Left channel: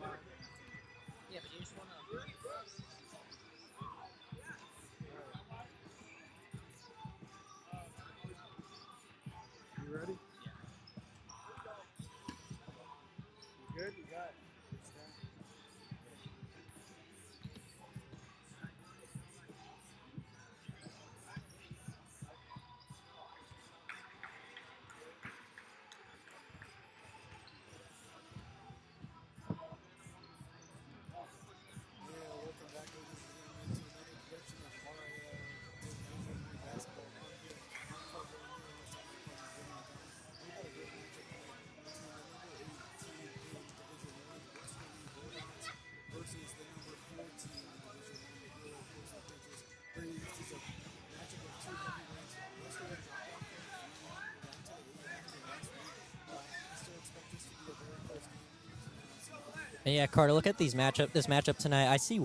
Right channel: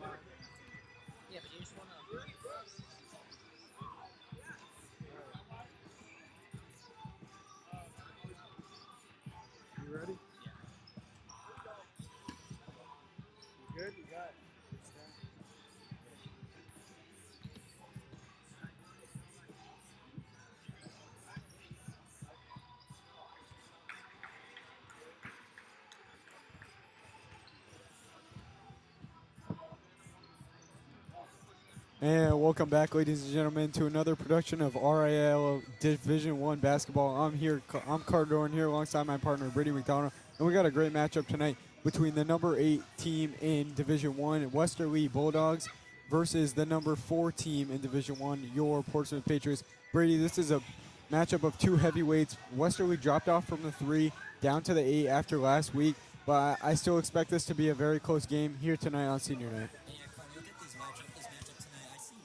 Yeah, but you just want to. You ready? Yeah. You good? You got it. And welcome back, ladies and gentlemen, to another production of RIIL Division One basketball. I'm Carter Dorn here alongside my partner Brittany McDonald, and we got a great matchup tonight between the number 8 team in Division One, Westerly Bulldogs, versus the number 4 team in Division One, your Portsmouth Patriots. Brady, this is a matchup of two heavyweights. Westerly dropped off from the 3 down to the 8 after last week, but I still expect this to be a very close game here tonight on Senior Night. And yeah, Carter, look at this matchup tonight. I see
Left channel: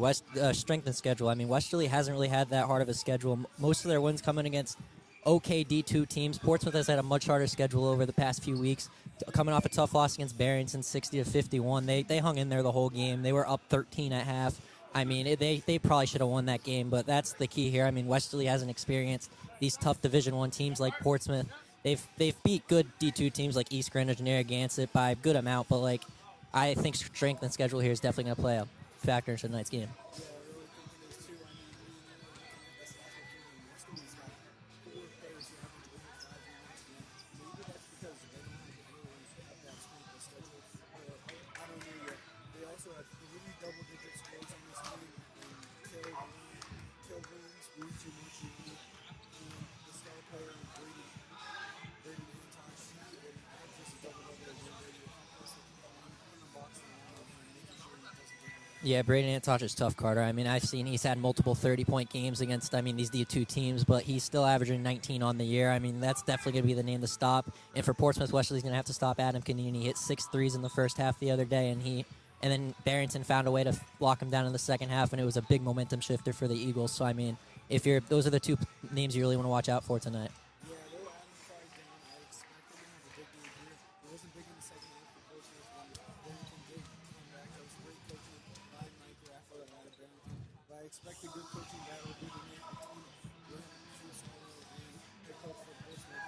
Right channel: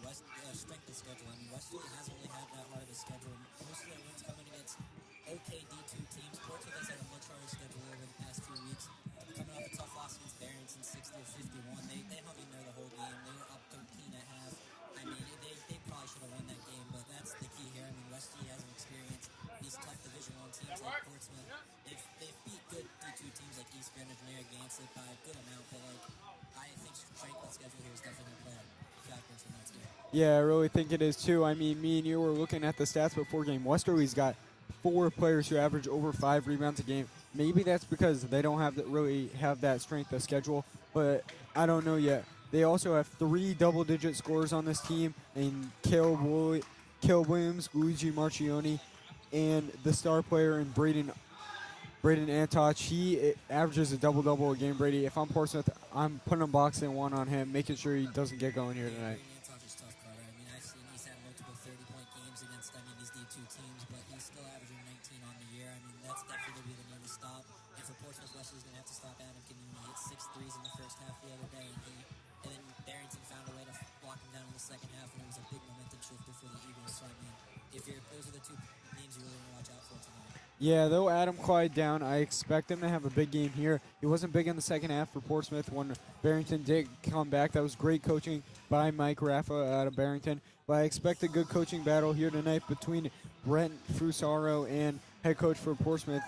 strength and schedule. I mean, Westerly hasn't really had that hard of a schedule. Most of their wins coming against okay D2 teams. Portsmouth has had a much harder schedule over the past few weeks. Coming off a tough loss against Barrington, 60-51. They hung in there the whole game. They were up 13 at half. I mean, they probably should have won that game, but that's the key here. I mean, Westerly hasn't experienced these tough Division One teams like Portsmouth. They've beat good D2 teams like East Greenwich and Narragansett by a good amount, but like I think strength and schedule here is definitely going to play a factor in tonight's game. Yeah, I really think it is too. I mean, me and you were looking at the stats before game. Westerly's got 4 players who average over 5 rebounds a game. Maybe that's because they don't really have that strength of schedule, but I don't know yet. They also have 3 double-digit scorers on this team in Kel Williams, Luigi Marchioni, and the star player in Braden Antoch. He averages a double-double a game, Brady. If I'm Portsmouth, I'm putting a boxing one on him, making sure he doesn't get going here. Yeah, tonight. Braden Antoch is tough, Carter. I mean, I've seen he's had multiple 30-point games against, these D2 teams, but he's still averaging 19 on the year. I mean, that's definitely going to be the name to stop. And for Portsmouth, Westerly's going to have to stop Adam Canini. He hit 6 threes in the first half the other day, and then Barrington found a way to lock him down in the second half, and it was a big momentum shifter for the Eagles. So, I mean, those are the 2 names you really want to watch out for tonight. Yeah, though Adam quieted down, I expect him to have a big game here. He wasn't big in the second half for Portsmouth when Barrington did come back. That was great coaching by Mike Raffa out of Barrington. But I expect a good coaching battle here tonight between Brent Fusaro and head coach for Portsmouth,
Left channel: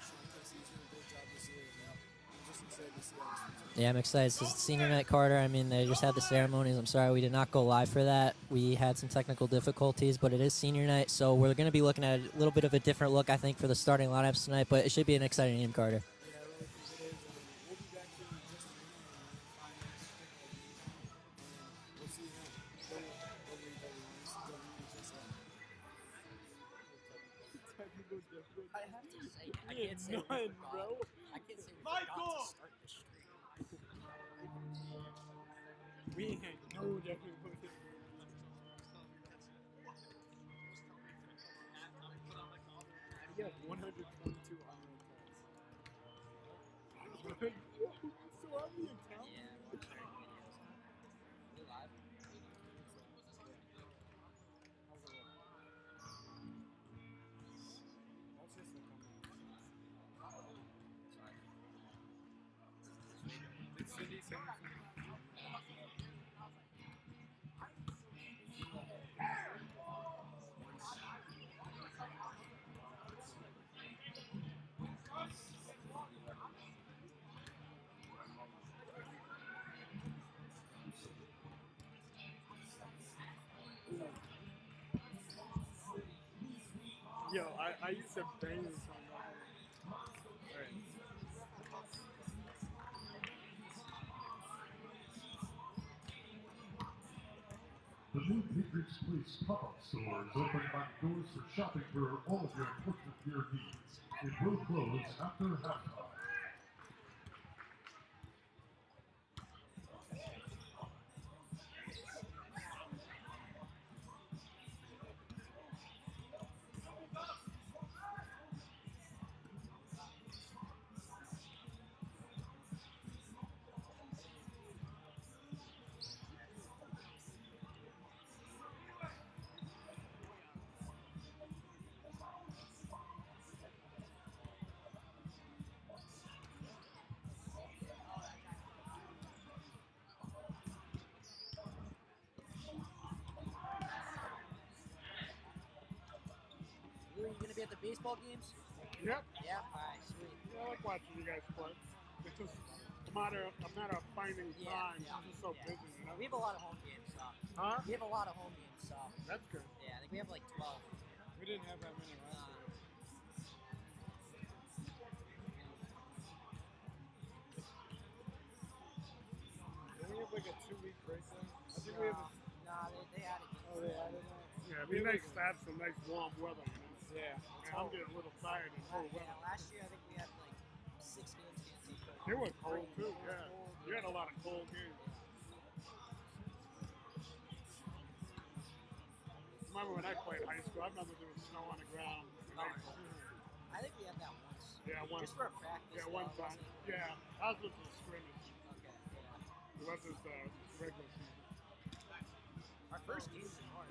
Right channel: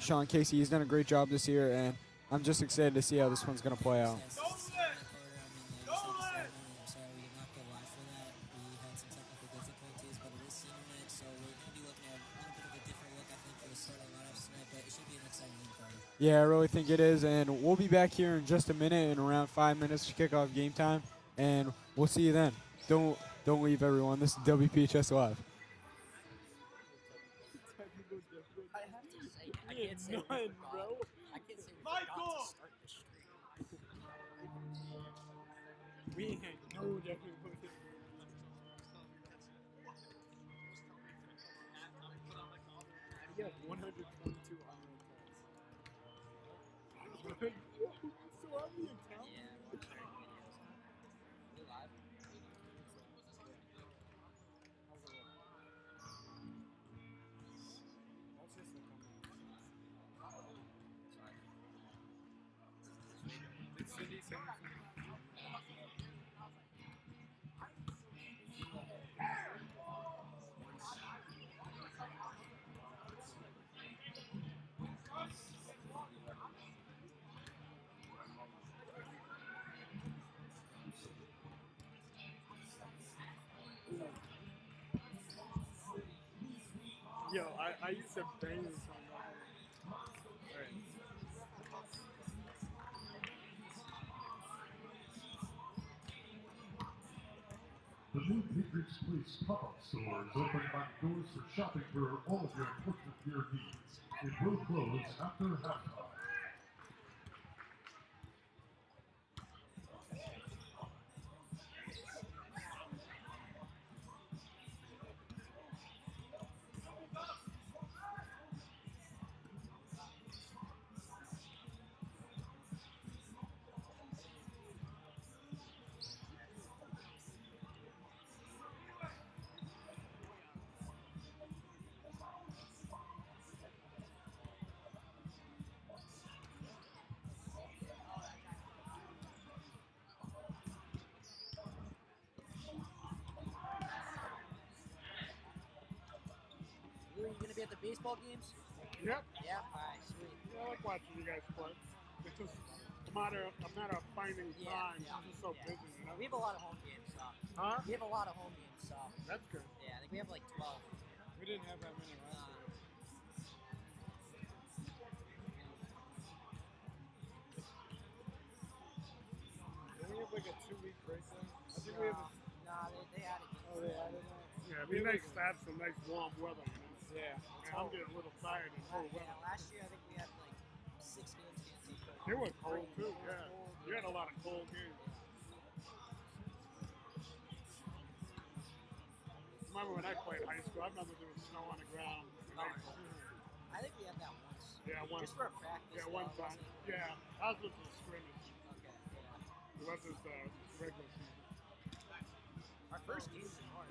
Sean Casey. He's done a great job this year, and I'm just excited to see how this one's going to play I'm out. excited. This is senior night, Carter. I mean, they just had the ceremonies. I'm sorry we did not go live for that. We had some technical difficulties, but it is senior night, so we're going to be looking at a little bit of a different look, I think, for the starting lineups tonight, but it should be an exciting game, Carter. Yeah, I really think it is, and we'll be back here in just a minute, in around 5 minutes to kick off game time, and we'll see you then. Don't leave, everyone. This is WPHS Live. I have to say, I can't say we forgot. Bro. I can't say we forgot to start the stream. We ain't no difficulty. You have 122 online calls. So are we in town? Yeah. We're live. Did Cindy send me Yo, I used to bang this song. Alright. The new Patriots Place pop-up store is open back doors for shopping for all of your Portsmouth gear needs. It will close after halftime. the baseball games? Yep. Yeah. All right, sweet. Yeah, I like watching you guys play. It's just a matter of finding time. Yeah, I'm just so yeah. busy, you know? We have a lot of home games, so. Huh? We have a lot of home games, so. That's good. Yeah, I think we have like 12. We didn't have that many last year. Don't we have like a 2-week break then? I think we have a... Nah, they added games. Oh, they added that? Yeah, it'd be nice to have some nice warm weather, you know? Yeah. Yeah, I'm getting a little tired in cold Yeah, weather. last year I think we had like 6 games canceled. They were cold too, yeah. You had a lot of cold games. Remember when I played high school, I remember there was snow on the ground in April. I think we had that once. Yeah, one. Just for a practice. Yeah, one though, time. wasn't it? Yeah, ours was a scrimmage. Okay, yeah. It wasn't regular season. Our first game's in March.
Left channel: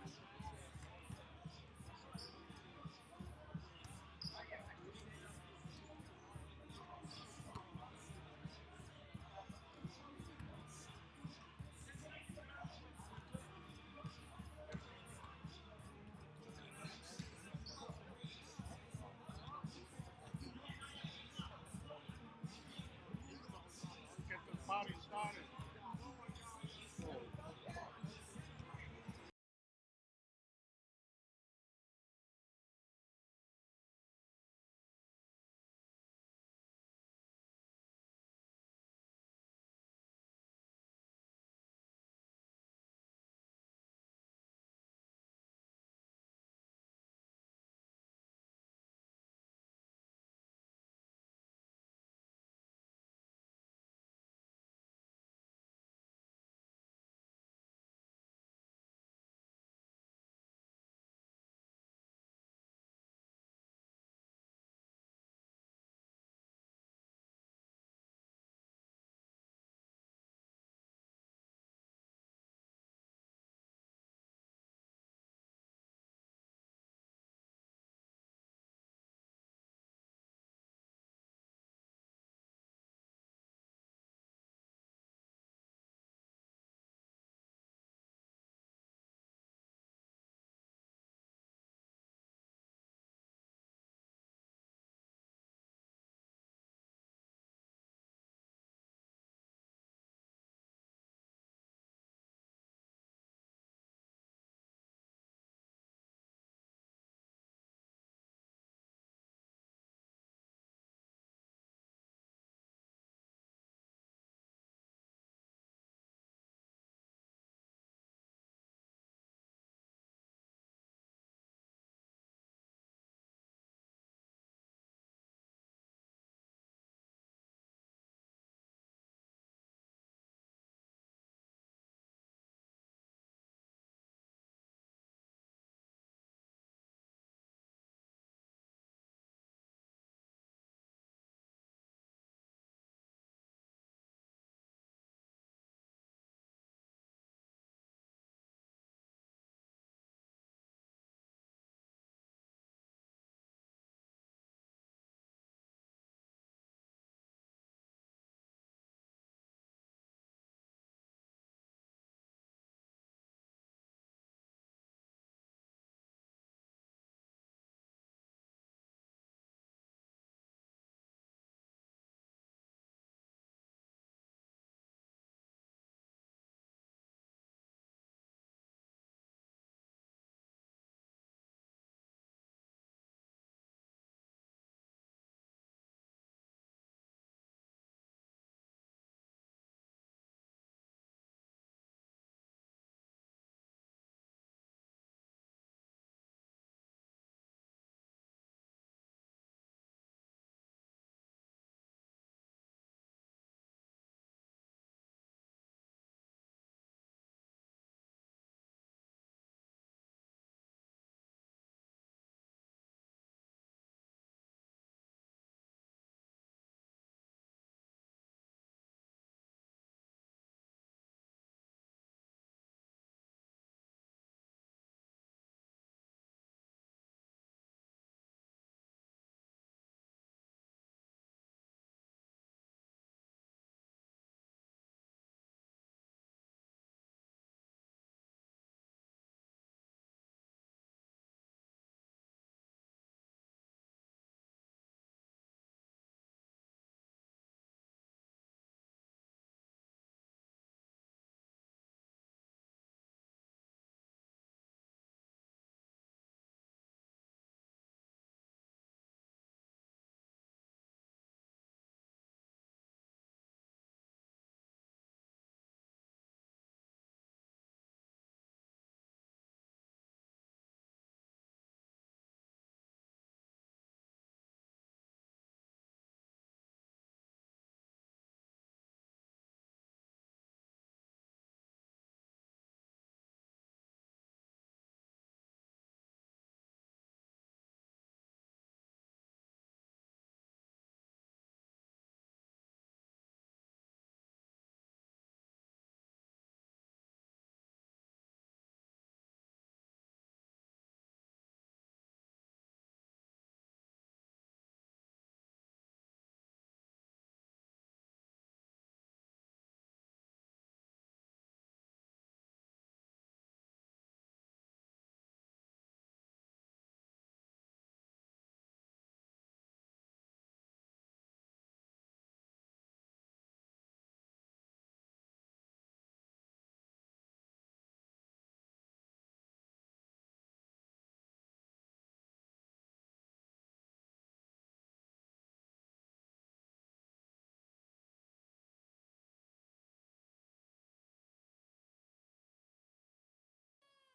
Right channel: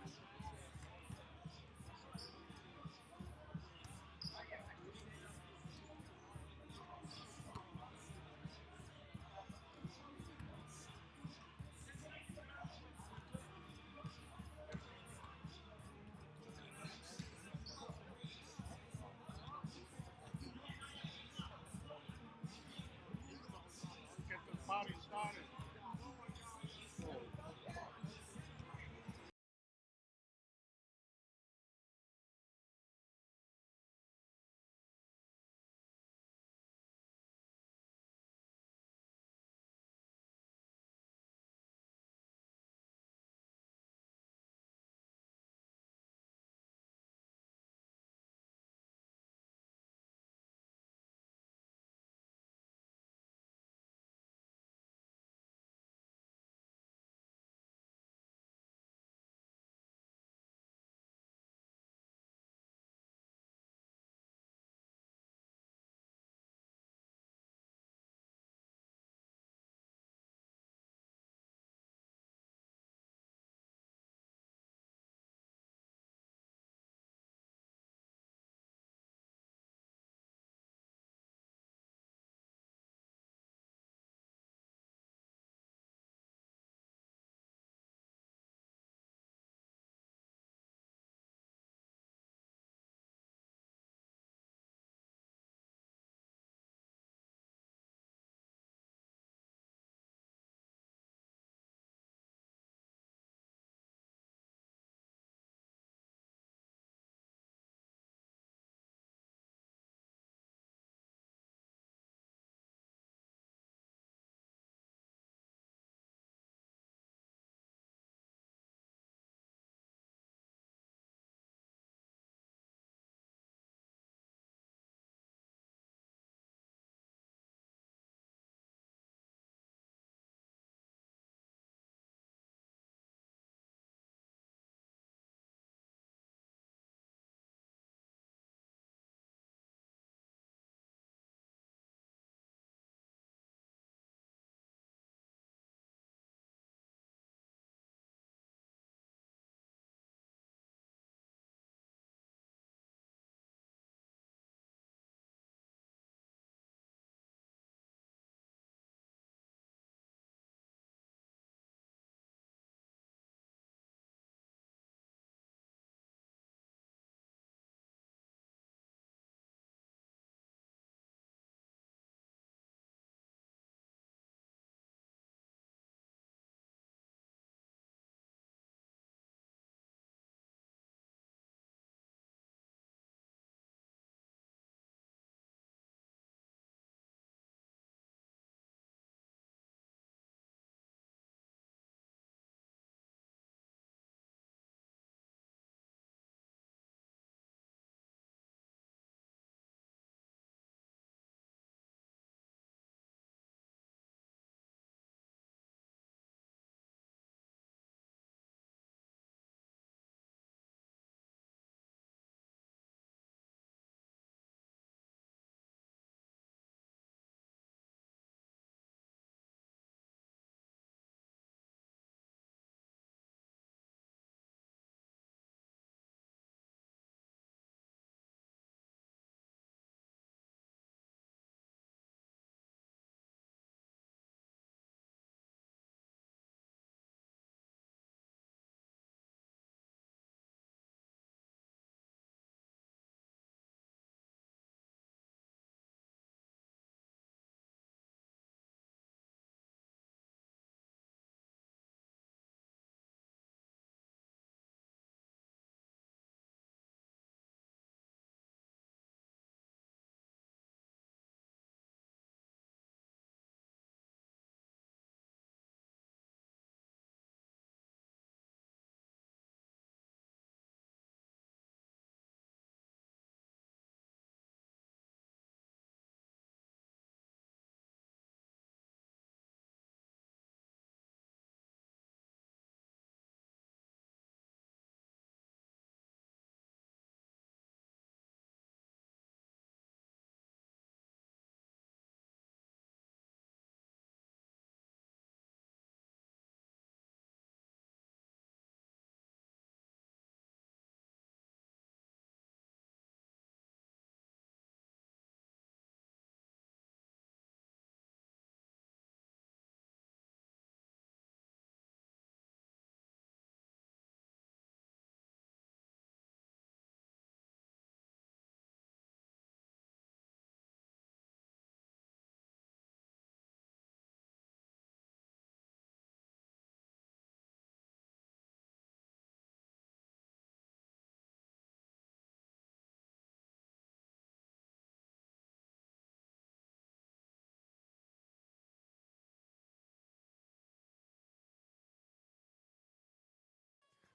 Get this party started.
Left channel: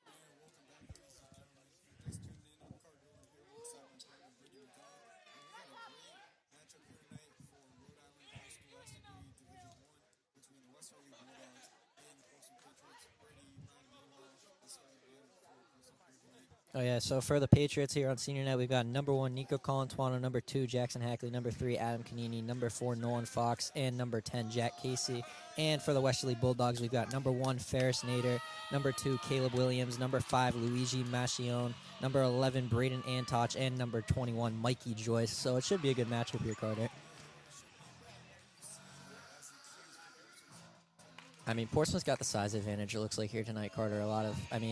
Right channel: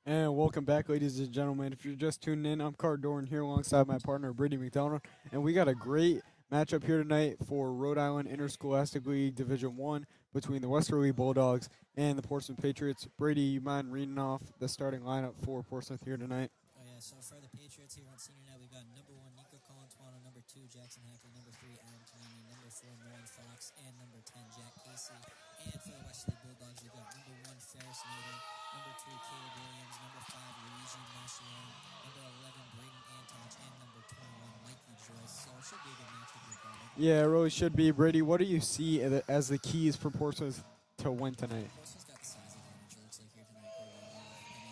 And welcome back, ladies and gentlemen. If you're just tuning in, I'm Card Doran here alongside my partner, Brady McDonald. And we got a great matchup here tonight for Rhode Island Interscholastic League Division I between the Westerly Bulldogs and the Portsmouth Patriots. Brady, you mind reading off the starting lineup for Portsmouth here tonight? Oh, yeah, so for the Patriots here on senior night, we've got number 1, Nico Colantuano, number 2, Jackson Hackley, number 3, Adam Canini, number 4, Nolan Fox, and number 10, Jack Casey. And for the Westerly Bulldogs, we've got number 1, Ferris Nader, number 2, Caleb Williams, number 5, Luigi Machione, number 11, Braden Antoch, and number 21, Mikey Joyce. So it should be a good matchup here, Carter. Yeah, it really should be. Brady, what do you see as the keys for Portsmouth to win tonight? I mean, Portsmouth's got the size advantage, it looks like, here tonight, Carter.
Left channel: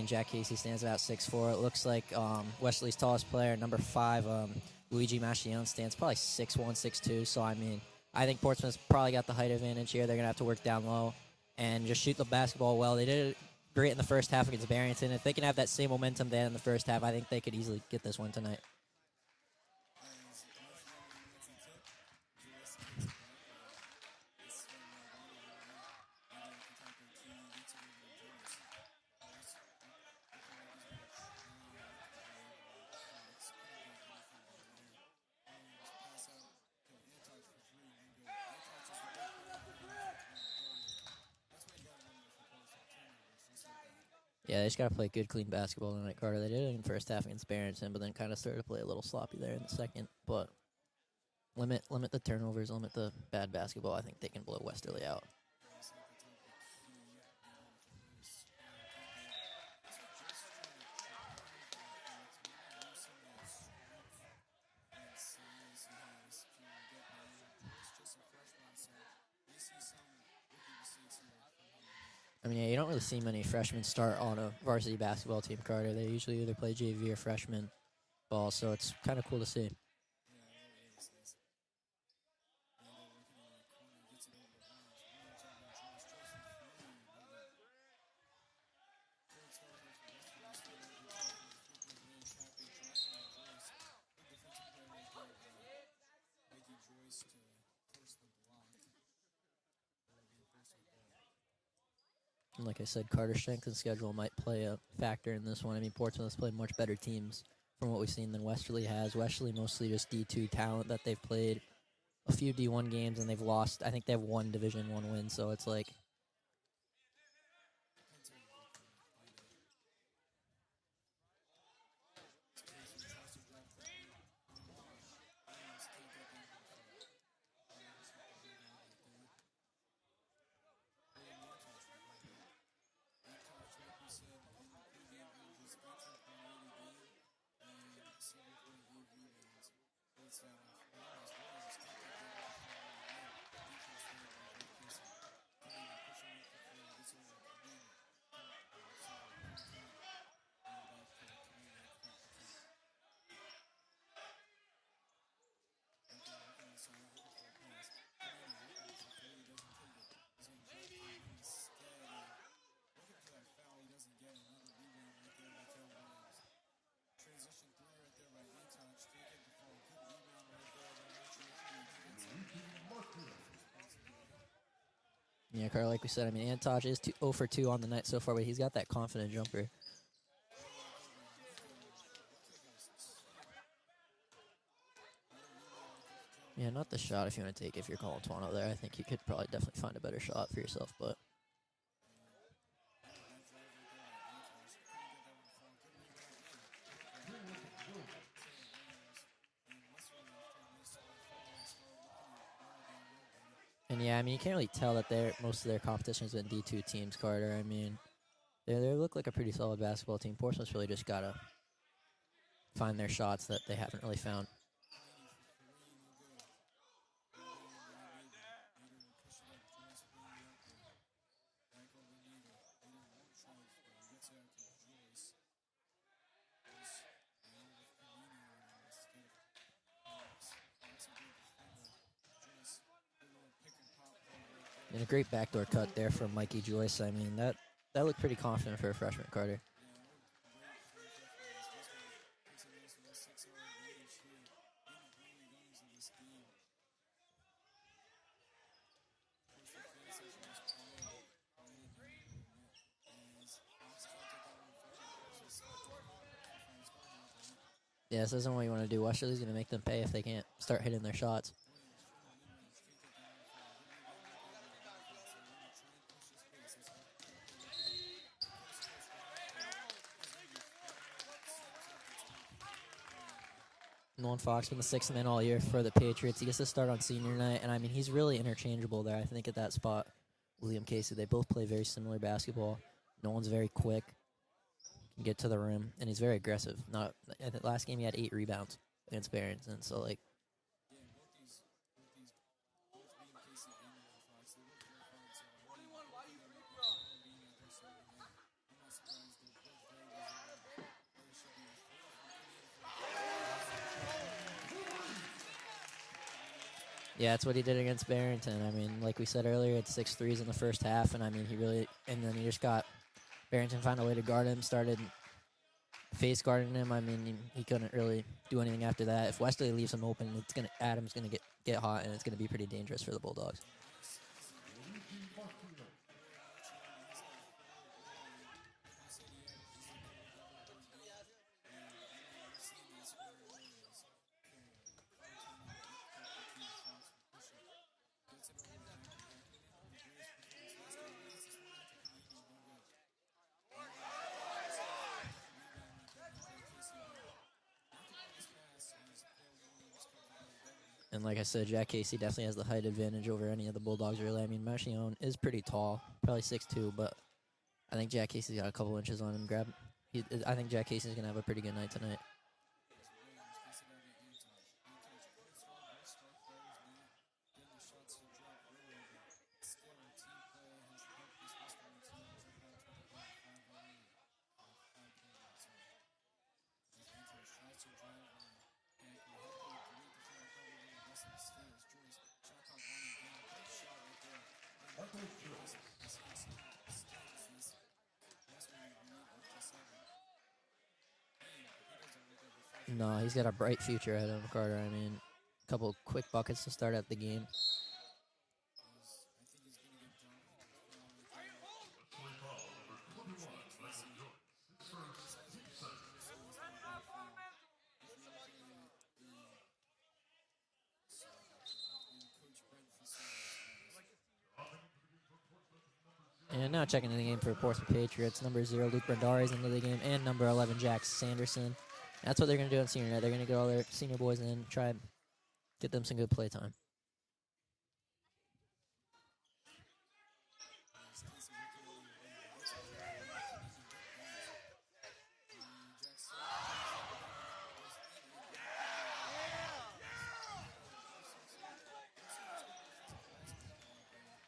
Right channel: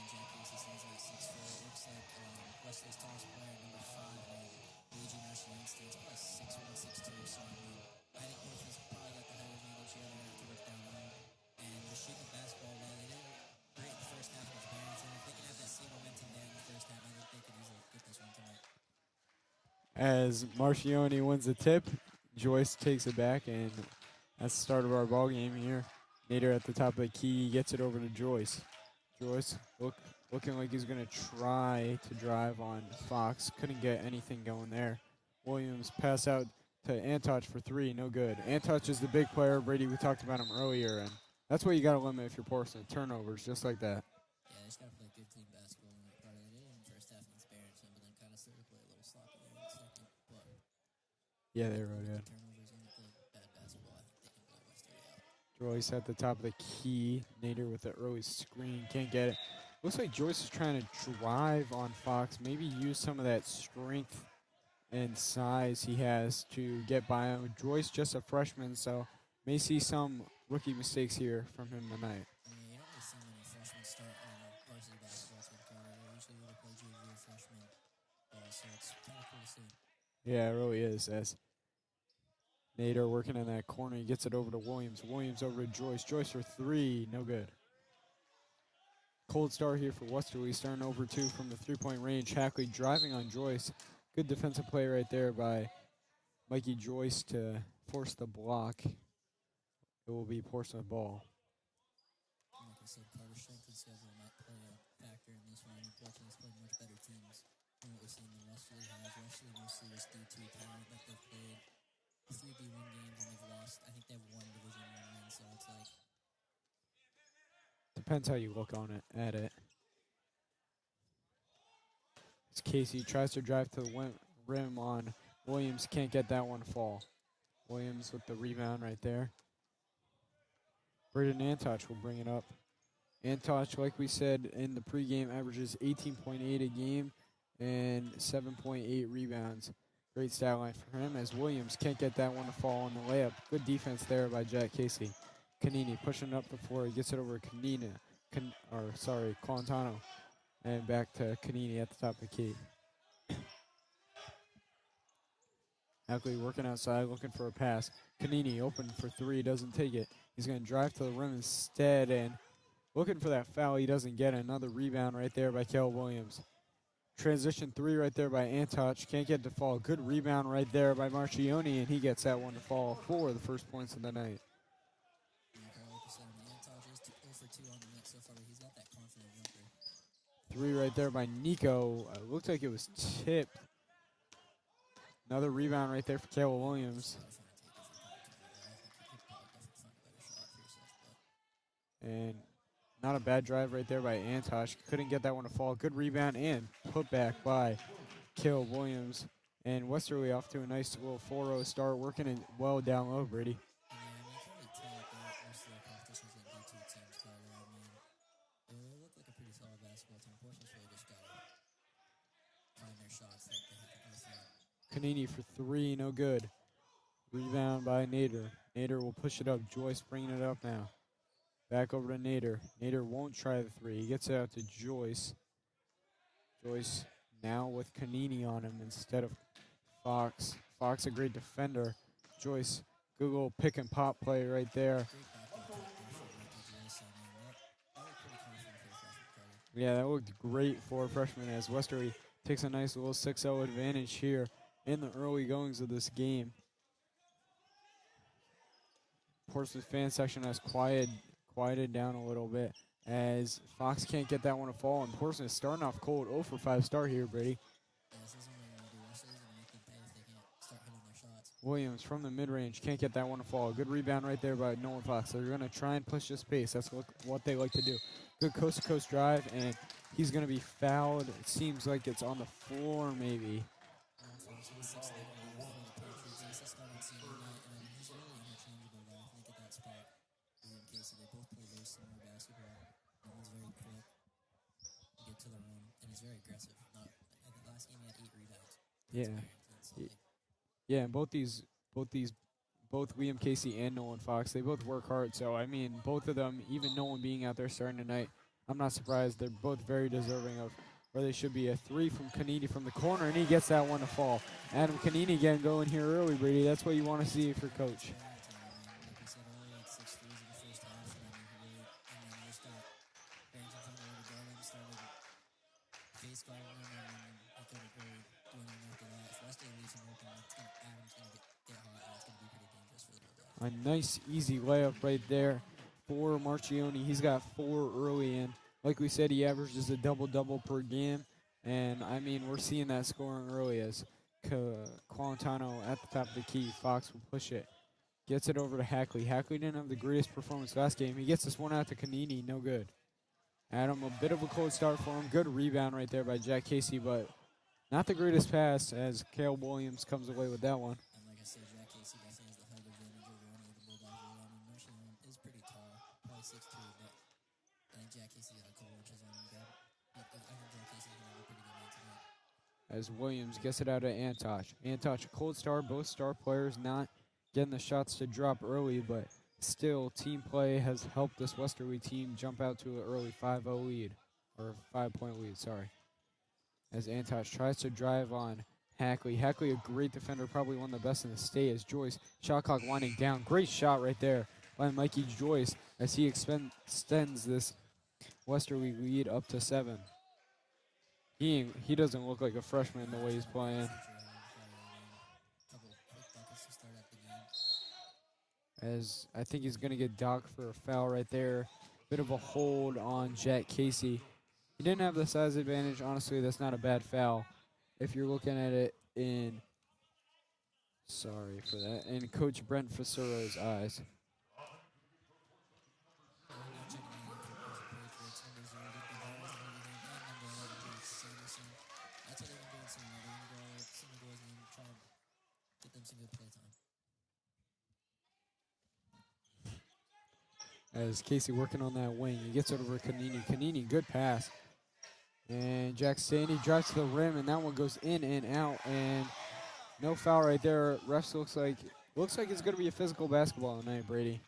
Jack Casey stands about 6'4". It looks like Wesley's tallest player, number 5, Luigi Machione, stands probably 6'1", 6'2". So, I think Portsmouth's probably got the height advantage here. They're going to have to work down low and just shoot the basketball well. They did it great in the first half against Barrington. If they can have that same momentum they had in the first half, I think they could easily get this one tonight. As Marchione wins the tip, Joyce takes it back, and that's the start of our ball game here. Nader at the top of the key gets it over to Joyce. Joyce looking like he's going to try to drive on Fox. Couldn't get anything going there. Williams pass out to Antoch for 3, no good. Antoch is the big player. Brady, we talked about him earlier, and that's what you got to limit if you're Portsmouth. Turnovers, just like that. Yeah, they just got to play good, clean basketball tonight, Carter. They did it in the first half against Barrington, but then kind of started to play a little sloppy there in the second. But Yeah, limit the turnovers, limit the bad basketball. I think they can blow Westerly out. Joyce at the top of the key. Nader with the early screen. Can't get it. Looks like Joyce is trying to drive on Fox. Maybe use some of that strength and size he has to get by him. Joyce just a freshman, so may see some rookie mistakes here from him tonight. You don't really see many freshmen start on a varsity basketball team, Carter. They usually either play JV or freshman ball, so it's kind of cool to see. Yeah, it really is. As Nader working in that corner, he gets it over to Williams. Williams over to Joyce. Joyce for 3, no good. Cold start here for Westerly, starting over 2 from the three-point range. Hackley driving on Joyce. Good defensive play right there by Mikey Joyce to force the block. It will be Portsmouth ball. And like I said, Carter's strength and schedule might play a factor in this one. Portsmouth has played much better teams from what we've seen than Westerly has. Westerly mostly just D2 talent that they've played a few D1 games and they've lost. I think they have 1 Division I win, so it's like... Depends how you look on it, at it. As Casey tries to drive to the rim on Williams, can't get that one to fall. Williams with the rebound right there. Braden Antoch will bring it up. Antoch, like we said in the pregame, averages 18.8 a game and 7.8 rebounds. Great stat line for him as Williams can't get that one to fall on the layup. Good defense there by Jack Casey. Canini pushing up the floor. He gets it over to Colantano. And back to Canini at the top of the key. Hackley working outside, looking for a pass. Canini open for 3, doesn't take it. He's going to drive to the rim instead, and looking for that foul. He doesn't get it. Another rebound right there by Kel Williams. Transition 3 right there by Antoch. Can't get to fall. Good rebound right there by Marchione, and he gets that one to fall for the first points of the night. Yeah, Carl, like we said, Antoch is 0 for 2 on the night so far, but he's got that confident jumper. 3 right there by Nico. Looked like it was tipped. Another rebound right there for Caleb Williams. Not the shot if you want to take if you're calling Toronto there. I think you could probably definitely find a better shot for yourself. And not a bad drive right there by Antoch. Couldn't get that one to fall. Good rebound and put back by Caleb Williams. And Westerly off to a nice little 4-0 start, working it well down low, Brady. And yeah, you can't really tell that most of their competition has been D2 teams, Carter. They look like a pretty solid basketball team. Portsmouth's really just got to find their shots that they haven't really found. Canini for 3, no good. Rebound by Nader. Nader will push it up. Joyce bringing it up now. Back over to Nader. Nader won't try the 3. He gets it out to Joyce. Joyce now with Canini on him instead of Fox. Fox a great defender. Joyce, good little pick and pop play right there. And a great backdoor cut there from Mikey Joyce. That looked pretty confident for a freshman, Carter. Yeah, that looked great for a freshman as Westerly takes a nice little 6-0 advantage here in the early goings of this game. Portsmouth fan section has quieted down a little bit as as Fox can't get that one to fall. And Portsmouth starting off cold. 0 for 5 start here, Brady. Yeah, this isn't what you want to do. Westerly's going to make them pay if they can't start hitting their shots. Williams from the mid-range can't get that one to fall. Good rebound right there by Nolan Fox. They're going to try and push this pace. That's what they like to do. Good coast-to-coast drive, and he's going to be fouled. It seems like it's on the floor maybe. Nolan Fox been the 6th man all year for the Patriots. He gets to start on senior night, and I mean, he's really interchangeable there, I think, at that spot. William Casey, they both play very similar basketball. Nolan's very quick, can get to the rim, and he's very aggressive. Not I think last game he had 8 rebounds against Barrington, so like. Yeah, and both William Casey and Nolan Fox, they both work hard. So I mean, both of them, even Nolan being out there starting tonight, I'm not surprised. They're both very deserving of where they should be. A 3 from Kanini from the corner, and he gets that one to fall. Adam Kanini getting going here early, Brady. That's what you want to see. Yeah, that's what he did coach. against Barrington. I mean, like we said earlier, it's 6 threes in the first half, and I mean, and then he just got Barrington found a way to guard him, started face guarding him. I mean, he couldn't really do anything after that. If Westerly leaves him open, Adam's gonna get hot, and it's gonna be pretty dangerous for the Bulldogs. A nice, easy layup right there for Marchione. He's got 4 early in. Like we said, he averages a double-double per game. And, I mean, we're seeing that scoring early as Qualentano at the top of the key. Fox will push it. Gets it over to Hackley. Hackley didn't have the greatest performance last game. He gets this one out to Kanini. No good. Adam, a bit of a cold start for him. Good rebound right there by Jack Casey, but not the greatest pass as Caleb Williams comes away with that one. And like I said, Jack Casey definitely has the height advantage over any of the Bulldogs, really. I mean, Marchione is pretty tall, probably 6'2", but I think Jack Casey's got a couple inches on him. I think Jack Casey's going to have a pretty good night tonight. As Williams gets it out of Antosh. Antosh, a cold start. Both star players not getting the shots to drop early, but still, team play has helped this Westerly team jump out to an early 5-0 lead, or 5-point lead, sorry. As Antosh tries to drive on Hackley. Hackley, a great defender, probably one of the best in the state, as Joyce, shot clock winding down. Great shot right there by Mikey Joyce as he extends this Westerly lead up to 7. He doesn't look like a freshman. No, he's got a bright future ahead of him, Carter. I mean, a couple quick buckets to start out the game. As I think he's going to get docked for a foul right there. Bit of a hold on Jack Casey. He didn't have the size advantage. Honestly, that's not a bad foul. If you're looking at it in, sorry for that, in Coach Brent Fasuro's eyes. And now checking in the game for Portsmouth Patriots. Number 0, Luke Brandari's into the game, and number 11, Jack Sanderson. That's what they're going to do on senior night. They're going to get all their senior boys in, try and get them some good play time. As Casey working on that wing, he gets it over Kanini. Kanini, good pass. And Jack Sandy drives to the rim, and that one goes in and out. And no foul right there. Refs looks like it's going to be a physical basketball tonight, Brady.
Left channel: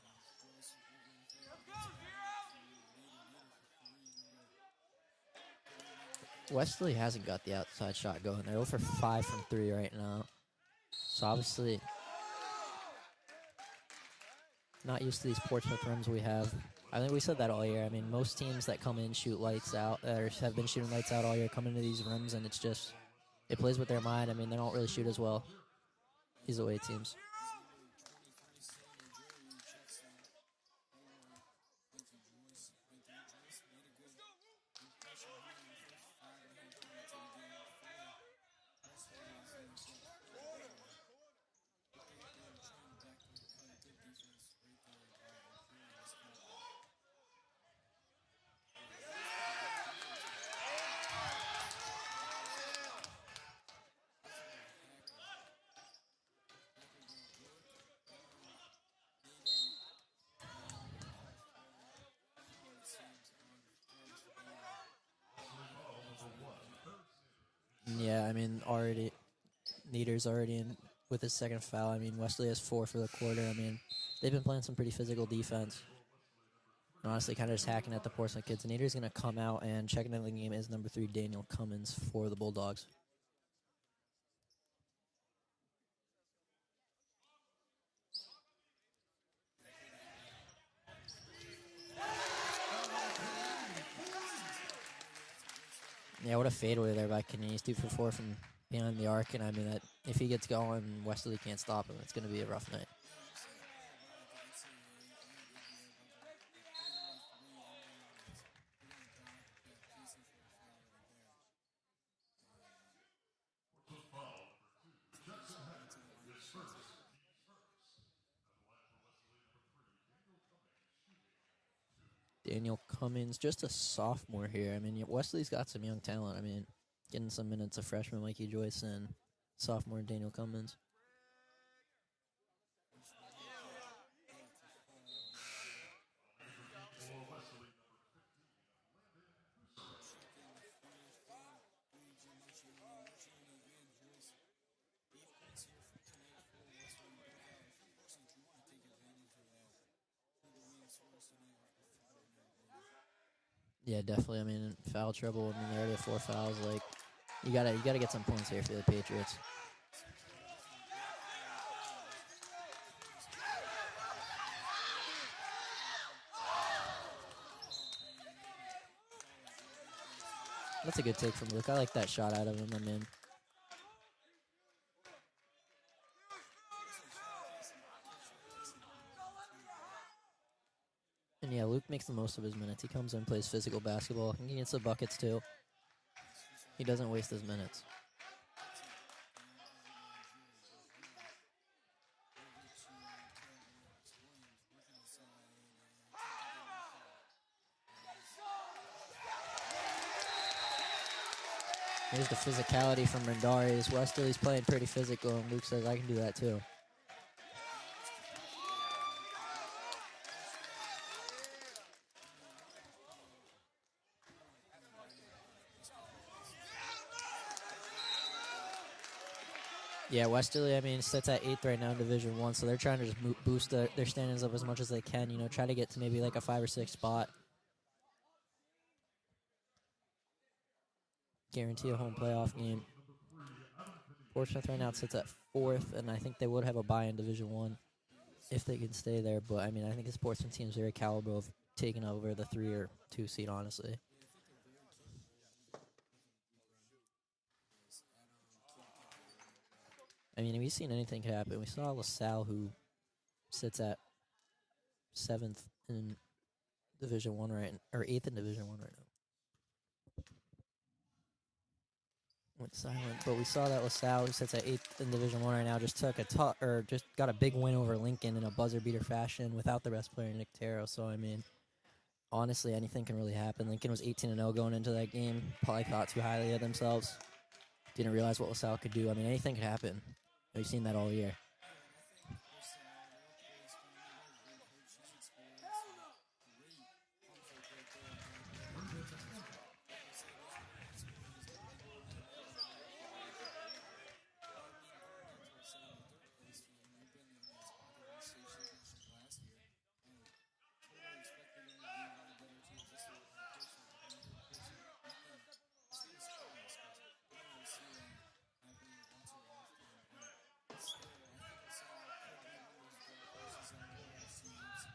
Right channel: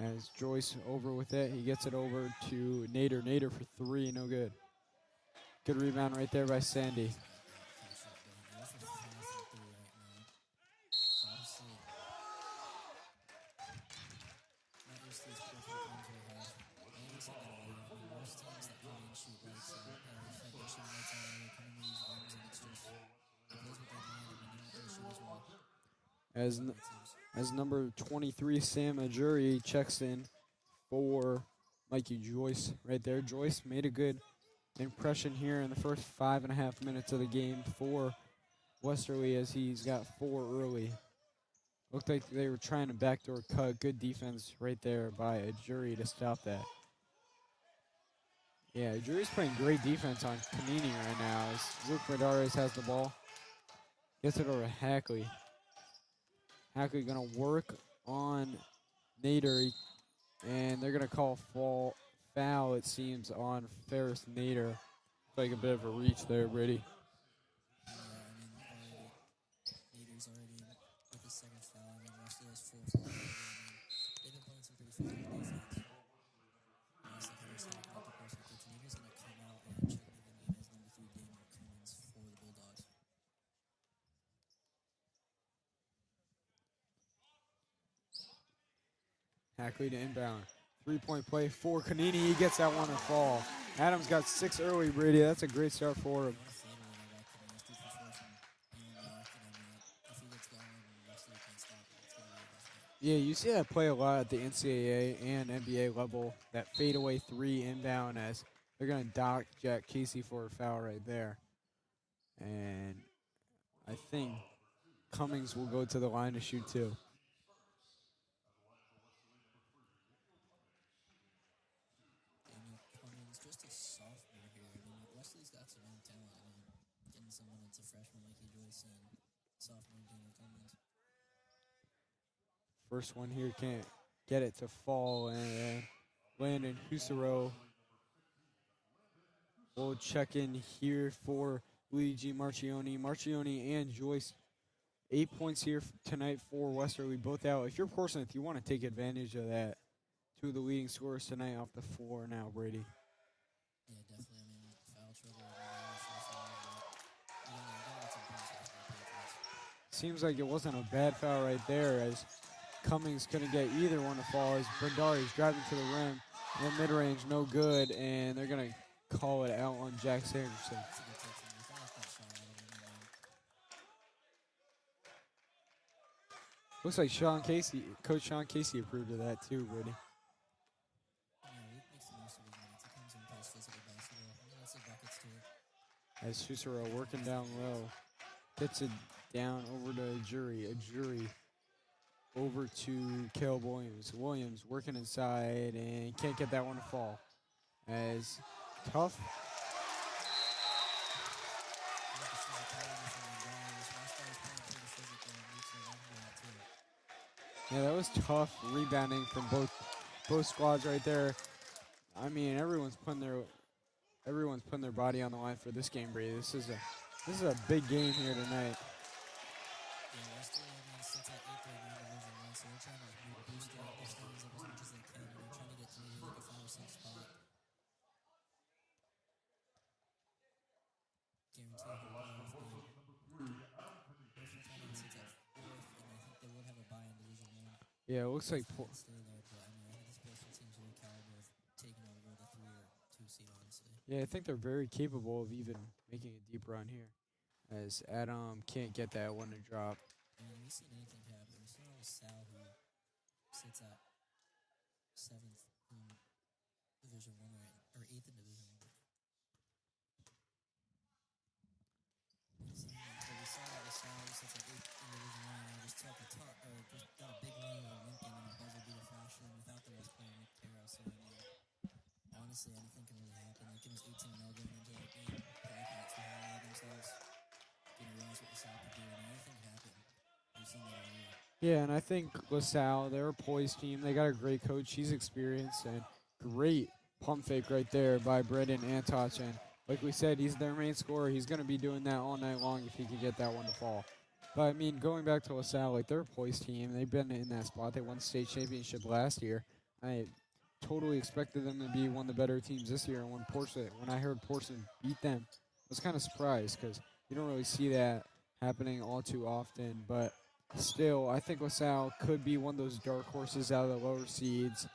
As Joyce over with it, he gets it over to Nader. Nader for 3, no good. Good rebound right there by Westerly Sandy. hasn't got the outside shot going. They're 0 for 5 from 3 right now. So obviously not used to these Portsmouth rims we have. I think we said that all year. I mean, most teams that come in shoot lights out, or have been shooting lights out all year, come into these rims, and it's just, it plays with their mind. I mean, they don't really shoot as well. As away teams. As number 23, Sam Ajuri checks in for Mikey Joyce right there. Joyce made a good impression here in the first 5.5 minutes of the game for Westerly as he's got 4 early. Looked like they were trying to backdoor cut. Good defense right there by Ajuri to stop that. Yeah, Ajuri's playing great defense on Kanini right now as Luke Medares has the ball. Gets it over to Hackley. Hackley going to work on Nader, and they're going to call foul, it seems, on Ferris Nader. Like a bit of a reach there, Brady. Yeah, I mean, Nader's already in with his second foul. I mean, Westerly has 4 for the quarter. I mean, they've been playing some pretty physical defense. And honestly, kind of just hacking at the Portsmouth kids. Nader's going to come out, and checking in the game is number 3, Daniel Cummins for the Bulldogs. Hackley to inbound. 3-point play for Kanini. He gets that one to fall. Adams got 6 early, Brady. That's a great start for him. Yeah, what a fadeaway there by Kanini. He's 2 for 4 from behind the arc, and I mean that if he gets going, Westerly can't stop him. It's going to be a rough night. Yeah, you see that play a lot at the NCAA and NBA level, that fadeaway three inbound as they're going to dock Jack Casey for a foul right there. And I think Cummings will go to the line to shoot too. Daniel Cummins, just a sophomore here. I mean, Wesley's got some young talent. I mean, getting some minutes of freshman Mikey Joyce and sophomore Daniel Cummins. First one here can't get it to fall, and Landon Husaro will check in here for Luigi Marchioni. Marchioni and Joyce, 8 points here tonight for Westerly, both out. If you're Portsmouth, you want to take advantage of that. Two of the leading scorers tonight off the floor now, Brady. Yeah, definitely. I mean, foul trouble. I mean, there are 4 fouls. Like, you gotta get some points here for the Patriots. Seems like it wasn't a bad foul right there, as Cummings couldn't get either one to fall. As Bendari's driving to the rim, and mid-range, no good, and they're gonna call it out on Jack Sanderson. That's a good take from Luke. I like that shot out of him. I mean, Looks like Coach Sean Casey approved of that too, Brady. and yeah, Luke makes the most of his minutes. He comes in, plays physical basketball. He gets the buckets too. As Cicero He doesn't working waste his down minutes. low, gets it down over to a jury over to Caleb Williams. Williams working inside and can't get that one to fall. As tough. There's the physicality from Rendarius. Westerly's playing pretty physical, and Luke says, I can do that too. Yeah, that was tough rebounding from both squads right there. I mean, everyone's putting their body on the line for this game, Brady. This is a big game here tonight. Yeah, Westerly, I mean, sits at 8th right now in Division 1, so they're trying to just boost their standings up as much as they can, you know, try to get to maybe like a 5 or 6 spot. Guarantee a home playoff game. Portsmouth right now sits at 4th, and I think they would have a bye in Division 1 Yeah, it looks if like they can stay there, but I mean, I think this Portsmouth team is very capable of taking over the 3 or 2 seed, honestly. yeah, I think they're very capable of even making a deep run here. As Adam can't get that one to drop. I mean, we've seen anything could happen. We saw LaSalle, who sits at 7th in Division 1 or 8th in Division 1 right now. Went silent, but we saw that LaSalle, who sits at 8th in Division 1 right now, just took just got a big win over Lincoln in a buzzer beater fashion without the best player, Nick Taro. So I mean, honestly, anything can really happen. Lincoln was 18-0 going into that game. Probably thought too highly of themselves. Didn't realize what LaSalle could do. I mean, anything could happen. We've seen that all year. Yeah, and I think LaSalle, they're a poised team. They got a great coach. He's experienced, and great pump fake right there by Brendan Antoch. And like we said, he's their main scorer. He's going to be doing that all night long if he can get that one to fall. But, I mean, going back to LaSalle, like, they're a poised team. They've been in that spot. They won state championship last year. I totally expected them to be one of the better teams this year. And when I heard Portsmouth beat them, I was kind of surprised because you don't really see that happening all too often. But still, I think LaSalle could be one of those dark horses out of the lower seeds.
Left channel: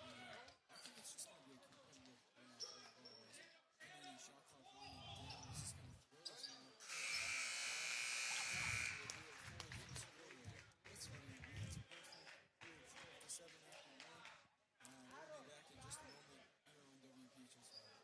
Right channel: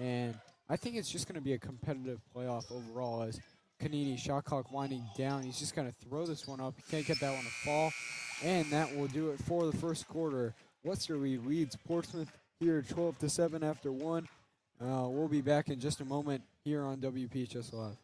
And I think it's just going to be a competitive playoff overall as Kanini, shot clock winding down. He's just going to throw this one up. He can't get that one to fall. And that will do it for the first quarter. Westerly leads Portsmouth here 12-7 after 1. We'll be back in just a moment here on WPHS Live.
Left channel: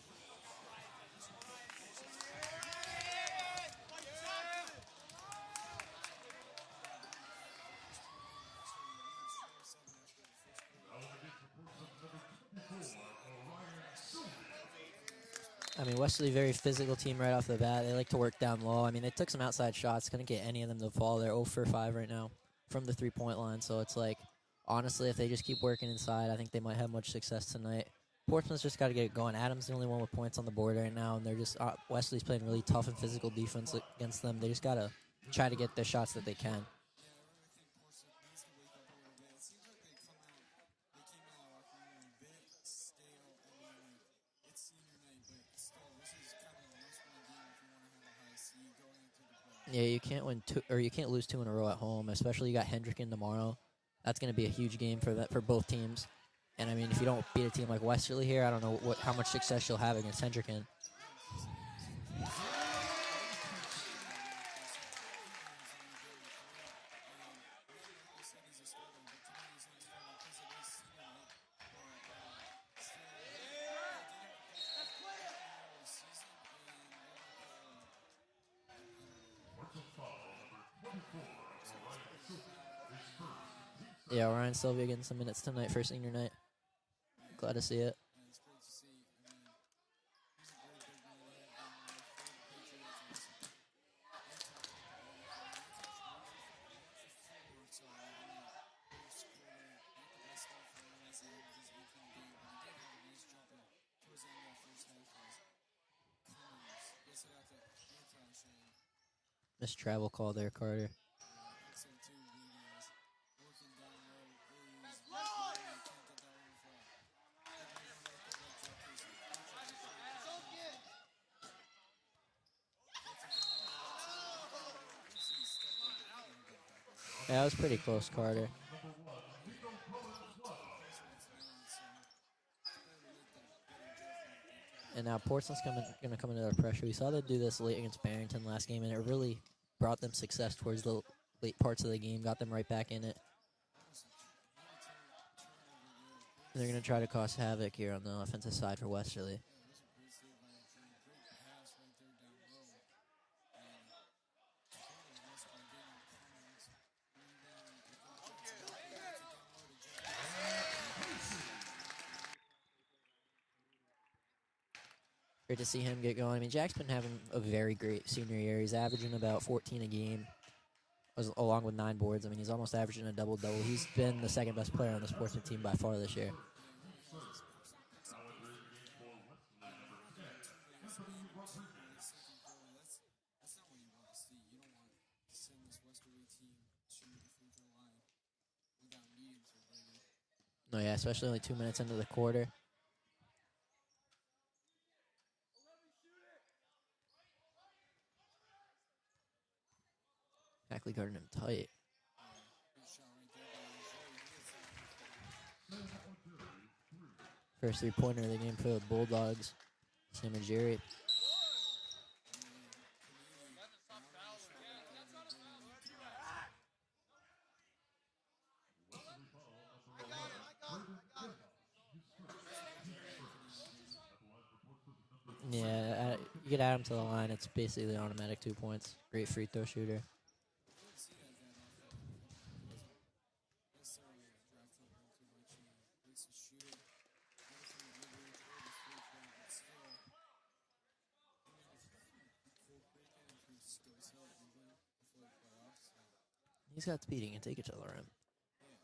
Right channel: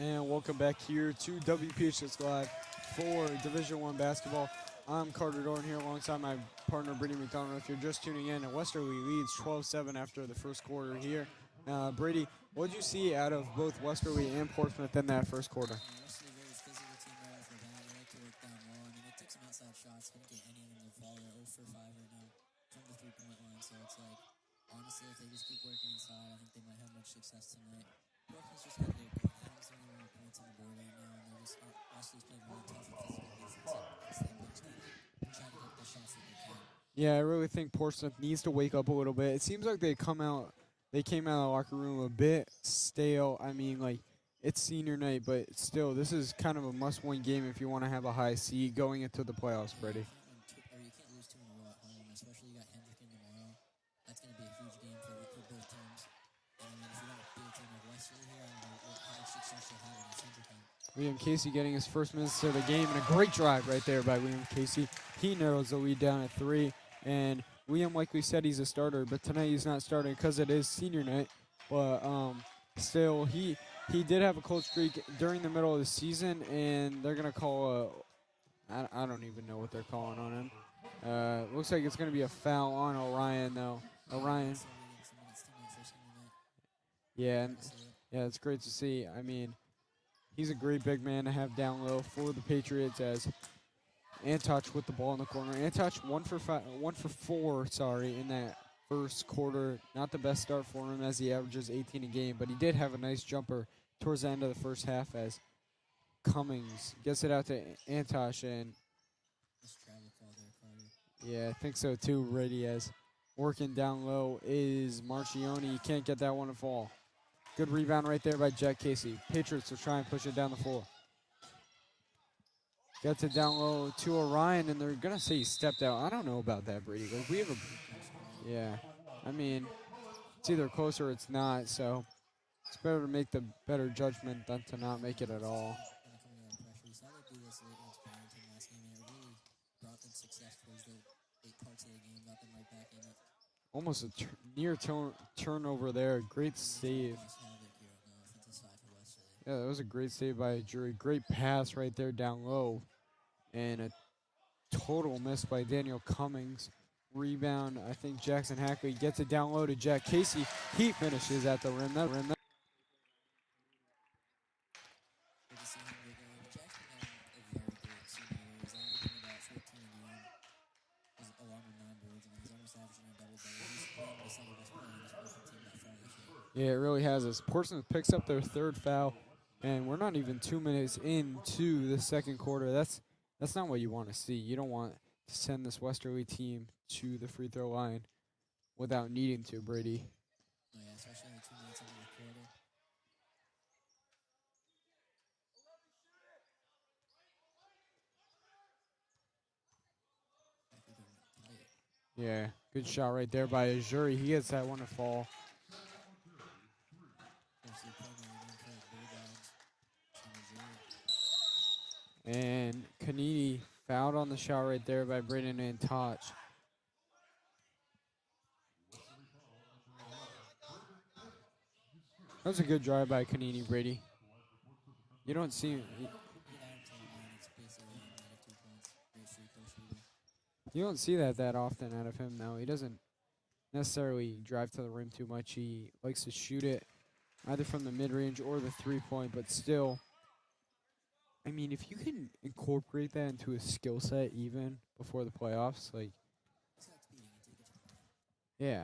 And welcome back here to WPHS Live for Division I basketball. I'm Carter Dorn here alongside my partner Brady McDonald. If you're just tuning in, Westerly leads 12-7 after the first quarter here. Brady, what did you see out of both Westerly and Portsmouth in that first quarter? I mean, Westerly, very physical team right off the bat. They like to work down low. I mean, they took some outside shots. Couldn't get any of them to fall. They're 0 for 5 right now from the three-point line. So it's like, honestly, if they just keep working inside, I think they might have much success tonight. Portsmouth's just got to get it going. Adams the only one with points on the board right now, and they're just Wesley's playing really tough and physical defense against them. They just got to try to get the shots that they can. Yeah, I really think Portsmouth needs to wake up a little bit. It seems like they came out of the locker room a bit stale. I mean, like, it's senior night, but still, this is kind of a must-win game if you want to have a high seed going into the playoffs. Yeah, Brady. you can't lose 2 in a row at home, especially you got Hendricken tomorrow. That's going to be a huge game for both teams. And, I mean, if you don't beat a team like Westerly here, I don't know how much success you'll have against Hendricken. Liam Casey getting his first minutes of the game, and a great drive right there by Liam Casey. He narrows the lead down at 3, and Liam, like we said, he's a starter, but tonight he's not starting because it is senior night. But still, he did have a cold streak during the middle of the season, and they're going to call I don't even know what they're calling on him. Looks like it's going to be a foul on Orion, though. Yeah, Orion Sylvia getting some minutes tonight for senior night. Yeah. Glad to see it. Yeah, it's great to see. I mean, he's a great big man to have down low for the Patriots as Antoch with the ball in the corner. Antoch 1 for 4, in that first quarter. Not the best start for him as he averages 18 a game, but he did have a nice jumper towards the end of the first half as Cummings gets it out to Antoch, and Missed travel call there, Carter. yeah, I think so too. Brady as working down low is Marcioni. He can't get that one to fall. Good rebound right there by Jack Casey. Patriots will try and push it down the floor. Gets it down low to Orion, and they're going to say he stepped out. I don't know about that, Brady. That was pretty close, Carter. Yeah. I mean, it's either close or it's not, so it's better to make the better judgment than to not And make now it at Portsmouth's all. going to come into their pressure. We saw them do this late against Barrington last game, and it really brought them success towards the late parts of the game, got them right back in it. Almost a near turnover there. Great They're going to save. try to cause havoc here on the offensive side for Westerly. Yeah, that was a great save by Jury. Great pass right there down low. And a total miss by Daniel Cummings. Rebound, I think Jackson Hackley gets it down low to Jack Casey. He finishes at the rim. Great to see him get going. I mean, Jack's been having a very great senior year. He's averaging about 14 a game, along with 9 boards. I mean, he's almost averaging a double-double. He's been the second best player on this Portsmouth team by far this year. Yeah, it really has. As Portsmouth picks up their 3rd foul, and we're not even 2 minutes into the second quarter. That's not what you want to see. You don't want to send this Westerly team to the free throw line without needing to, Brady. No, yeah, especially only 2 minutes into the quarter. Hackley guarding him tight. Yeah, good shot right there by Ajuri. He gets that one to fall. First three-pointer of the game for the Bulldogs. Sam Ajiri. And Kanini fouled on the shot right there by Braden Antoch. That was a good drive by Kanini, Brady. You don't see him. You get Adam to the line, it's basically automatic 2 points. Great free throw shooter. You don't see that often out of him, though. He doesn't necessarily drive to the rim too much. He likes to shoot it either from the mid-range or the three-point, but still, I mean, if you can incorporate that into a skill set even before the playoffs, like... He's got speed. He can take it to the rim. Yeah.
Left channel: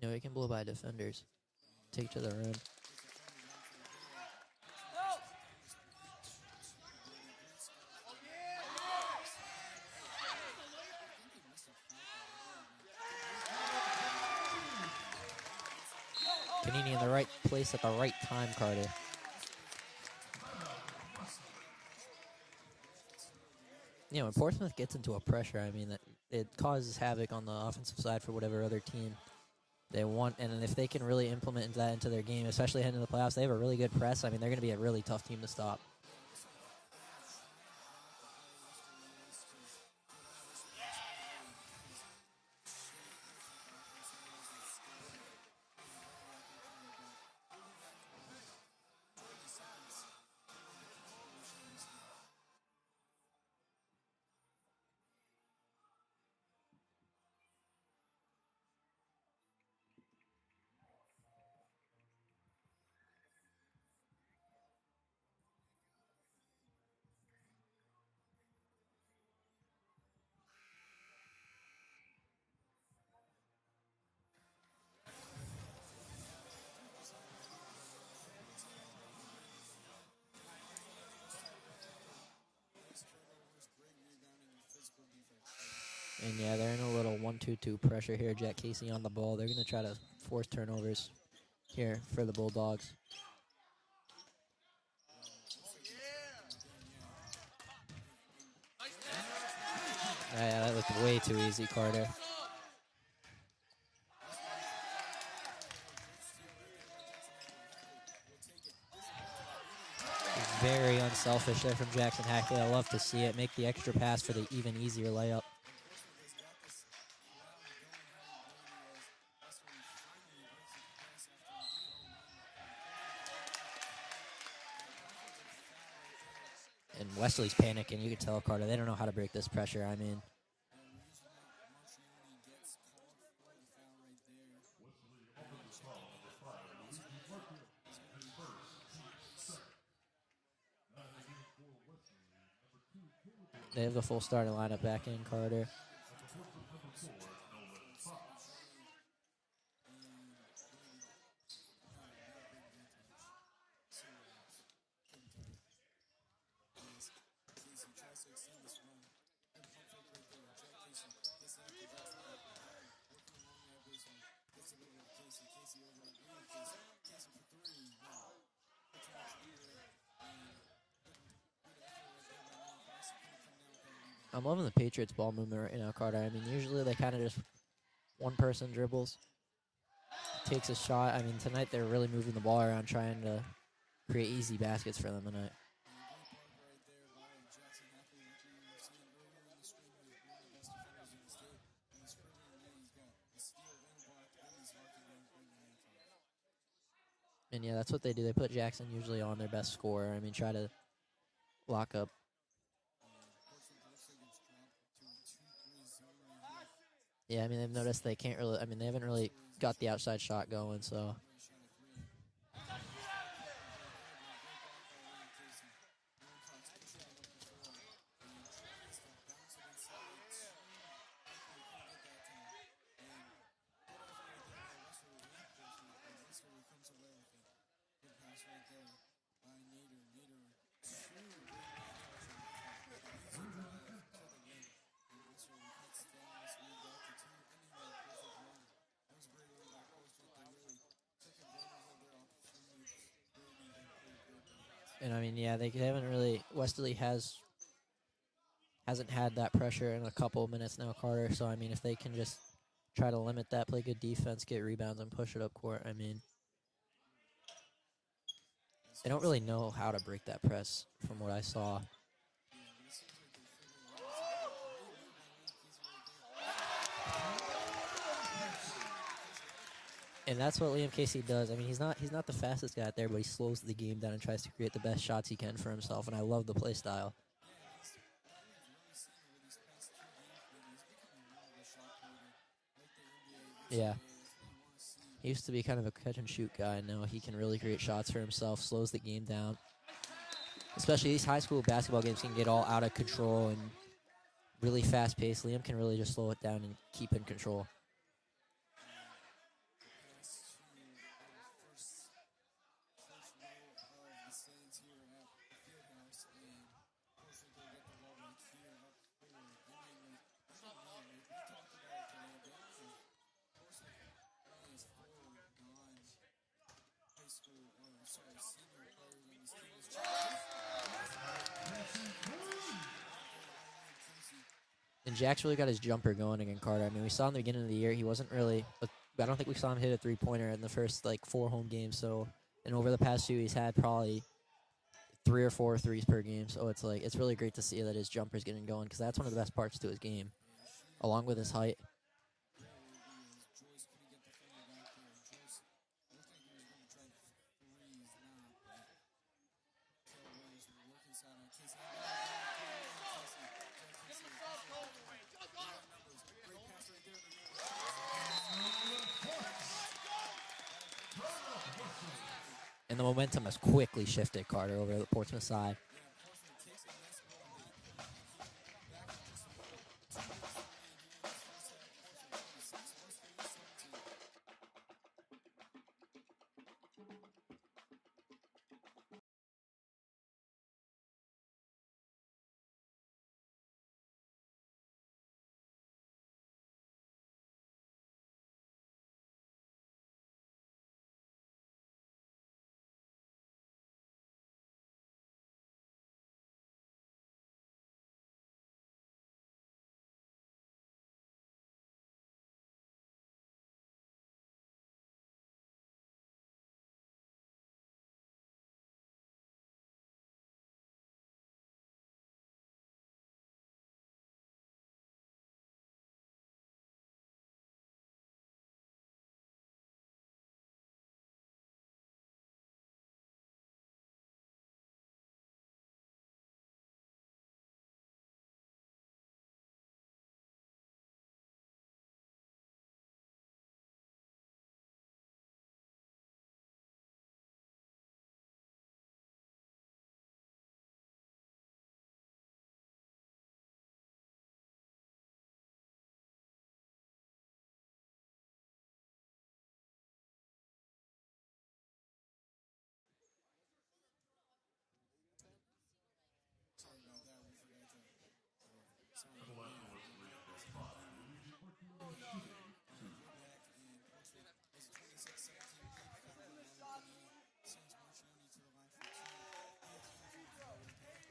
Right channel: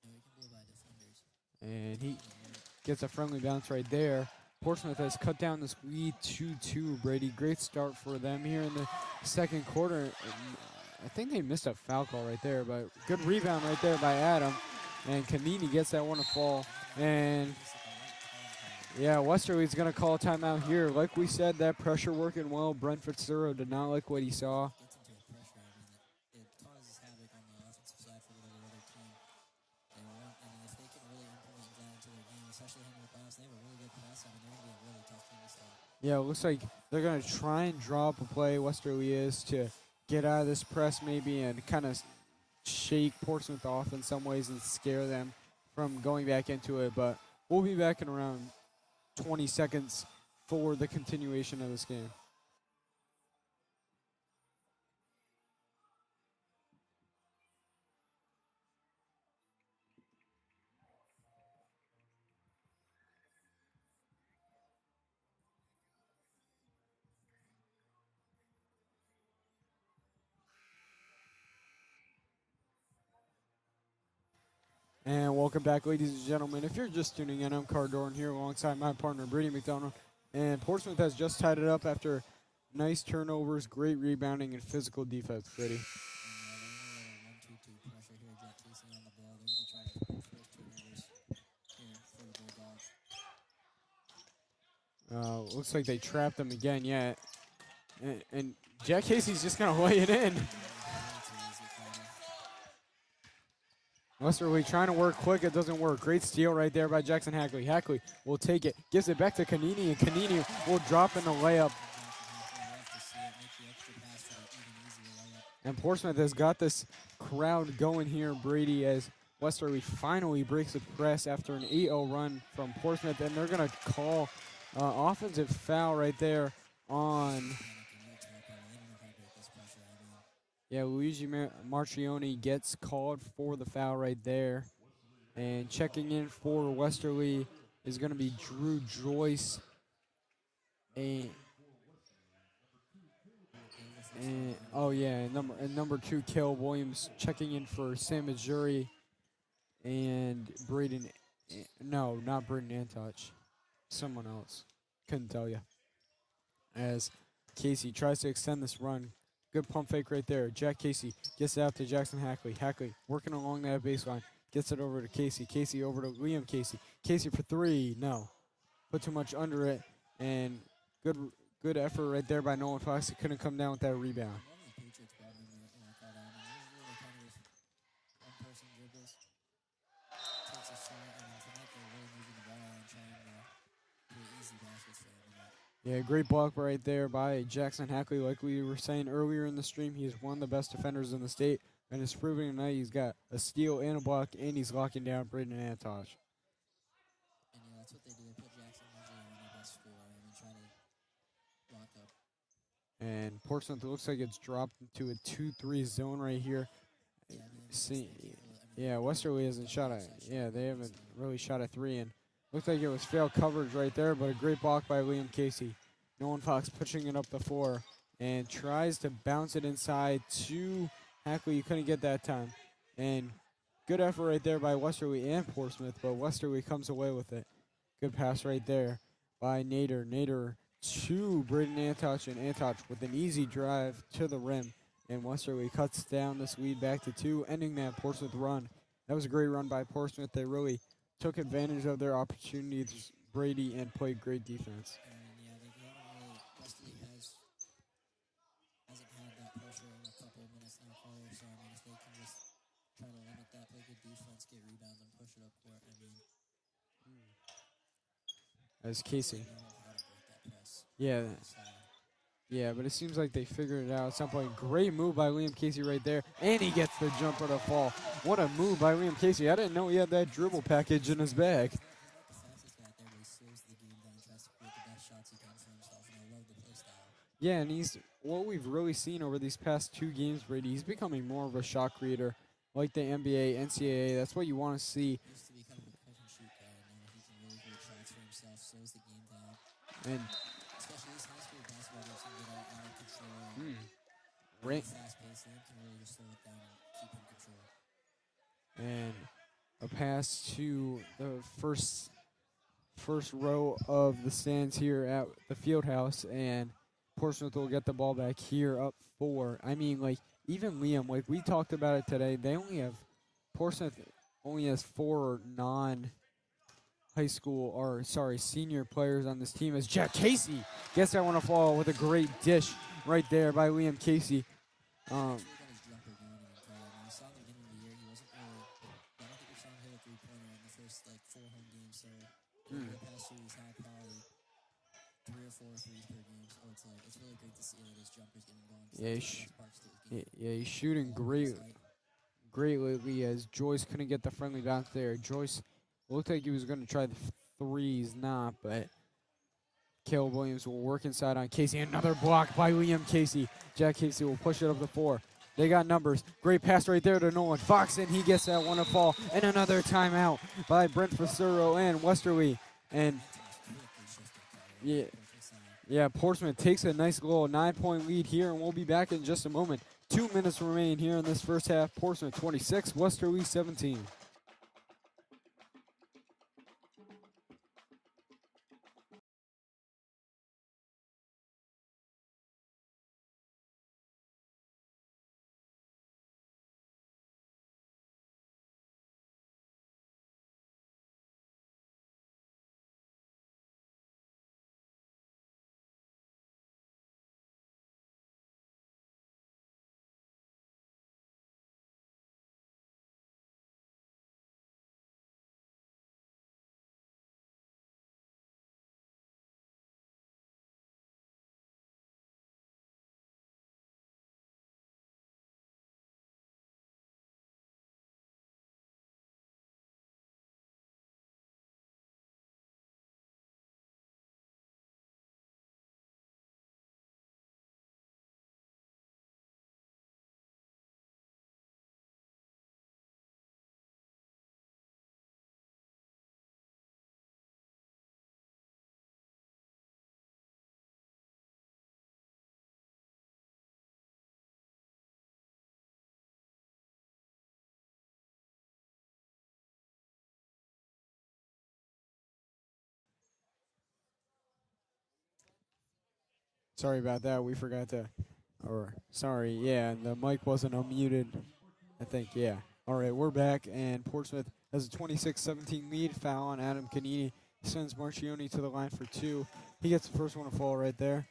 You know, he can blow by defenders. And Take he to the rim. gets a friendly bounce right there. Portsmouth has cut down this lead 2-2, Brady. Great start for them here in the second quarter. I think they missed a foul call right there, but good rebound right there by Adam. And Kanini gets that one to fall. Kanini in the right place at the right time, Carter. Yeah, Westerly's going to call a timeout here. Like we said, that pressure working well. Brent Fitzgerald did not like what he when saw. Portsmouth gets into a pressure, I mean, it causes havoc on the offensive side for whatever other team they want. And if they can really implement that into their game, especially heading into the playoffs, they have a really good press. I mean, they're going to be a really tough team to stop. Yeah, it looks like they're going to try and draw up a play, Westerly is, to get out of this press maybe and kind of shake Portsmouth off in some ways and scare them from going back into it. But we'll be back in around 20 seconds for the continuation of this game. And welcome back, ladies and gentlemen. If you're just tuning in, I'm Car Doran here alongside my partner, Brady McDonough. And Portsmouth has just tied it up after nice turnovers, great rebounding, and physical defense, Brady. And yeah, they're in a little 1-2-2 pressure here. Jack Casey on the ball. They're going to try to force turnovers here for the Bulldogs. Looks like they trapped them again, yeah. And Jack Casey's just going to lay it in. Yeah, that was way too easy, Carter. Westerly trying to work quick. It doesn't work. Great steal right there by Jackson Hackley. Hackley will take it, gives it back to Kanini, and Kanini will drop in the layup. From Jackson Hackley. I love to see it. Make the extra pass for the even easier layup. And Portsmouth has got this crowd going here, Brady, as Westerly finally breaks the press after an 8-0 run from Portsmouth, and they're going to call offensive foul right there on. And Westerly's panicking. You can tell, Carter. They don't know how to break this pressure. I mean, yeah, Luigi Marchioni gets called for the foul right there. And checking in for Westerly is going to be Drew Joyce. And they have the full starting lineup. Oh, back yeah, in and number 2, Kel Williams checking in for Sam Majuri and Braden. No, not Braden Antouch. Someone else. Couldn't tell you. As Casey tries to extend this run. Good pump fake right there. Jack Casey gets it out to Jackson Hackley. Hackley working along that baseline. Gets it over to Casey. Casey over to Liam Casey. Casey for 3. No. Put too much under it. And good effort right there by Nolan Fox. He couldn't come down with that rebound. I'm loving the Patriots ball movement right now, Carter. I mean, usually they kind of just one person dribbles, takes a shot. I mean, tonight they're really moving the ball around, trying to create easy baskets for them tonight. Yeah, great block right there by Jackson Hackley. Like we were saying earlier in the stream, he's one of the best defenders in the state, and it's proving tonight he's got a steal and a block, and he's locking down Braden Antouch. And yeah, that's what they do. They put Jackson usually on their best scorer. I mean, try to lock up. And Portsmouth looks like it's dropped into a 2-3 zone right here. Yeah, I mean, they've noticed they can't really. I mean, they haven't Westerly really hasn't got shot the outside shot they going. haven't So really shot a 3, and looks like it was failed coverage right there, but a great block by Liam Casey. Nolan Fox pushing it up the floor and tries to bounce it inside to Hackley. You couldn't get that time. And good effort right there by Westerly and Portsmouth, but Westerly comes away with it. Good pass right there by Nader. Nader to Braden Antouch, and Antouch with an easy drive to the rim. And Westerly cuts down this lead back to 2, ending that Portsmouth run. That was a great run by Portsmouth. They really took advantage of their opportunities, Brady, and played great defense. And I mean, yeah, they haven't really. Westerly hasn't had that pressure in a couple of minutes now, Carter. So I mean, if they can just try to limit that, play good defense, get rebounds, and push it up court, I mean, they don't really know how to break that press. Yeah, from what I saw. Yeah, but it seems like they figured it out at some point. Great move by Liam Casey right there, and he gets the jumper to fall. What a move by Liam Casey. I didn't know he had that dribble package in his bag. He's not the fastest guy out there, but he slows the game down and tries to create the best shots he can for himself, and I love the play style. Yeah, and he's what we've really seen over these past 2 games, Brady. He's becoming more of a shot creator, like the NBA, NCAA. Yeah. That's what you want to see. He used to be kind of a catch-and-shoot guy. Now he can really create shots for himself, slows the game down. And especially these high school basketball games can get all out of control and really fast-paced. Liam can really just slow it down and keep in control. And a pass to the first row of the stands here at the field house, and Portsmouth will get the ball back here up 4. I mean, like, even Liam, like we talked about it today, Portsmouth only has 4 senior players on this team, as Jack Casey gets that one to fall with a great dish right there by Liam Casey. And Jack's really got his jumper going again, Carter. I mean, we saw in the beginning of the year, he wasn't really, I don't think we saw him hit a 3-pointer in the first, 4 home games. So, and over the past 2, he's had probably 3 or 4 threes per game. So it's really great to see that his jumper's getting going, because that's one of the best parts to his game. Yeah, he's shooting along with his height. Great lately, as Joyce couldn't get the friendly bounce there. Joyce looked like he was going to try the threes, but Caleb Williams will work inside on Casey. Another block by Liam Casey. Jack Casey will push it up the floor. They got numbers. Great pass right there to Nolan Fox, and he gets that one to fall. And another timeout by Brent Facero and Westerly. And the momentum has quickly shifted, Carter, over the Portsmouth side. Yeah, Portsmouth takes a nice little 9-point lead here, and we'll be back in just a moment. 2 minutes remain here in this first half. Portsmouth 26, Westerly 17. Sorry about that. We forgot to, sorry, yeah, the mic wasn't unmuted. I think, yeah. All right, we're back, and Portsmouth has a 26-17 lead. Foul on Adam Canini. Sends Marchioni to the line for 2. He gets the first one to fall right there.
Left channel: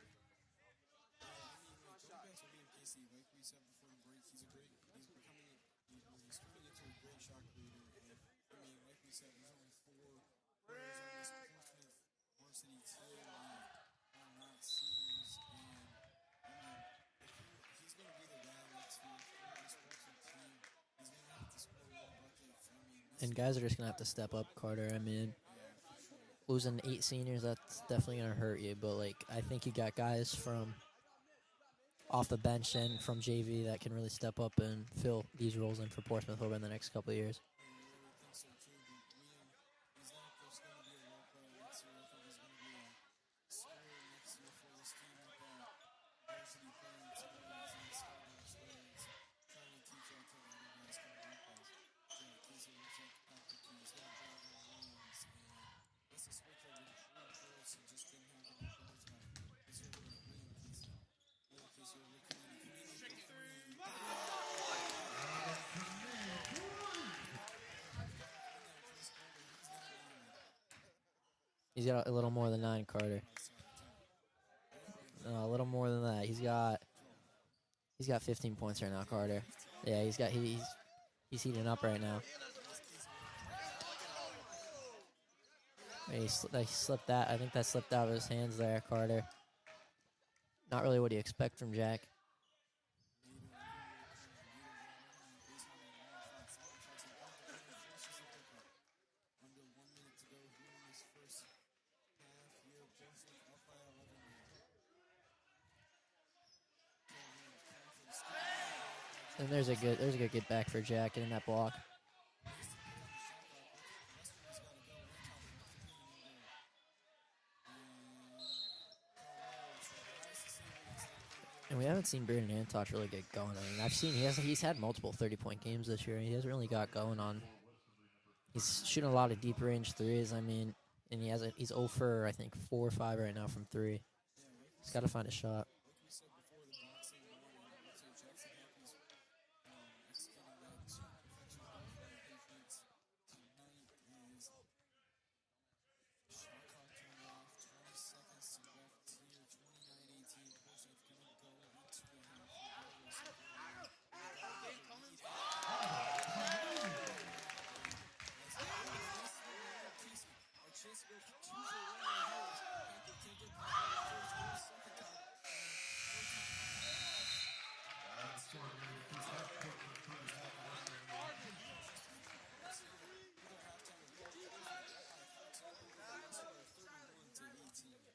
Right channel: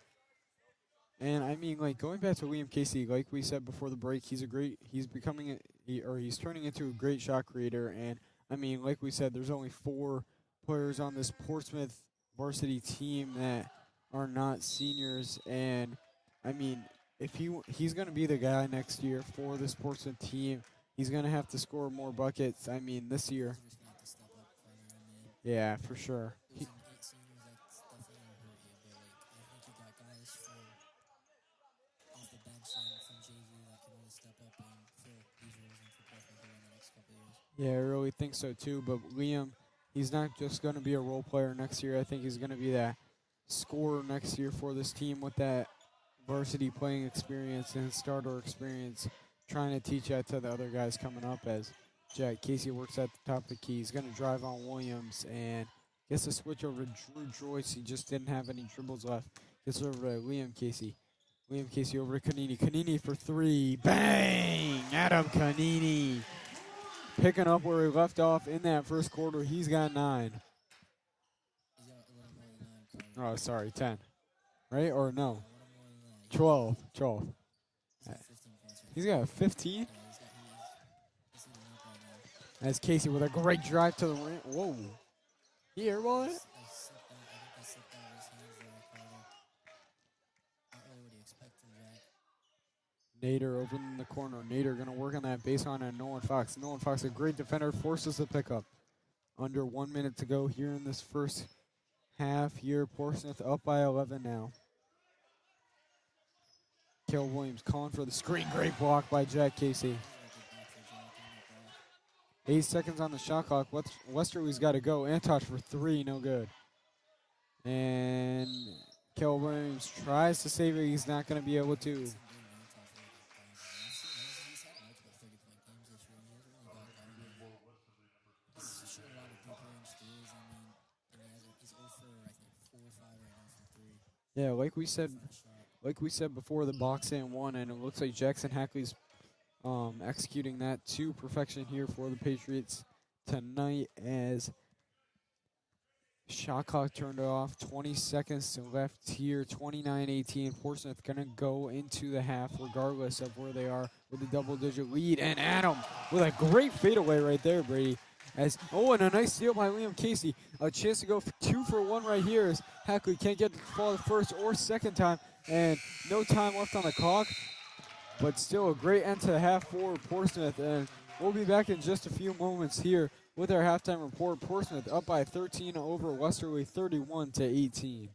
And I mean, like, going back to Liam Casey, like we said before the break, he's he's turning into a great shot creator. And I mean, like we said, there's only 4 players on this Portsmouth varsity team that are not seniors. And I mean, if he's going to be the guy next year for this Portsmouth team, he's going to have to score more buckets. I mean, this year. Guys are just going to have to step up, Carter. I mean, yeah, for sure. Losing 8 seniors, that's definitely going to hurt you. But, like, I think you got guys from off the bench and from JV that can really step up and fill these roles in for Portsmouth over the next couple of years. Yeah, I really think so, too. But Liam, he's not just going to be a role player next year. I think he's going to be that scorer next year for this team with that varsity playing experience and starter experience, trying to teach that to the other guys coming up as Jack Casey works at the top of the key. He's going to drive on Williams and gets a switch over to Drew Joyce. He just didn't have any dribbles left. Gets over to Liam Casey. Liam Casey over to Canini. Canini for 3. Bang! Adam Canini picking up where he left off in that first quarter. He's got 9. He's got a little more than 9, Carter. Oh, sorry, 10. Right? Or no? A little more than that. 12. 12. He's got 15 points right now. He's got Carter. 15? Yeah, he's heating up right now. As Casey with a great drive to the rim. Whoa. Here, boy. He slipped that. I think that slipped out of his hands there, Carter. Not really what you expect from Jack. Nader over in the corner. Nader going to work on that baseline on Nolan Fox. Nolan Fox, a great defender, forces the pickup. Under 1 minute to go here in this first half here. Portsmouth up by 11 now. Caleb Williams calling for the screen. Great block by Jack Casey. There's a good get back for Jack getting that block. 8 seconds on the shot clock. Westerly's got to go. Antosh for 3, no good. And Caleb Williams tries to save it. He's not going to be able to. We haven't seen Braden Antosh really get going. I mean, he's had multiple 30-point games this year. He hasn't really got going on. He's shooting a lot of deep range threes. I mean, and he's 0 for, I think, 4 or 5 right now from 3. Yeah, like we said, find a shot. Like we said before, the box and 1, and it looks like Jackson Hackley's executing that to perfection here for the Patriots tonight as shot clock turned off. 20 seconds left here. 29-18. Portsmouth going to go into the half regardless of where they are with a double-digit lead. And Adam with a great fadeaway right there, Brady. And a nice steal by Liam Casey. A chance to go 2 for 1 right here as Hackley can't get the ball first or second time. And no time left on the clock. But still a great end to the half for Portsmouth. And we'll be back in just a few moments here with our halftime report. Portsmouth up by 13 over Westerly, 31-18.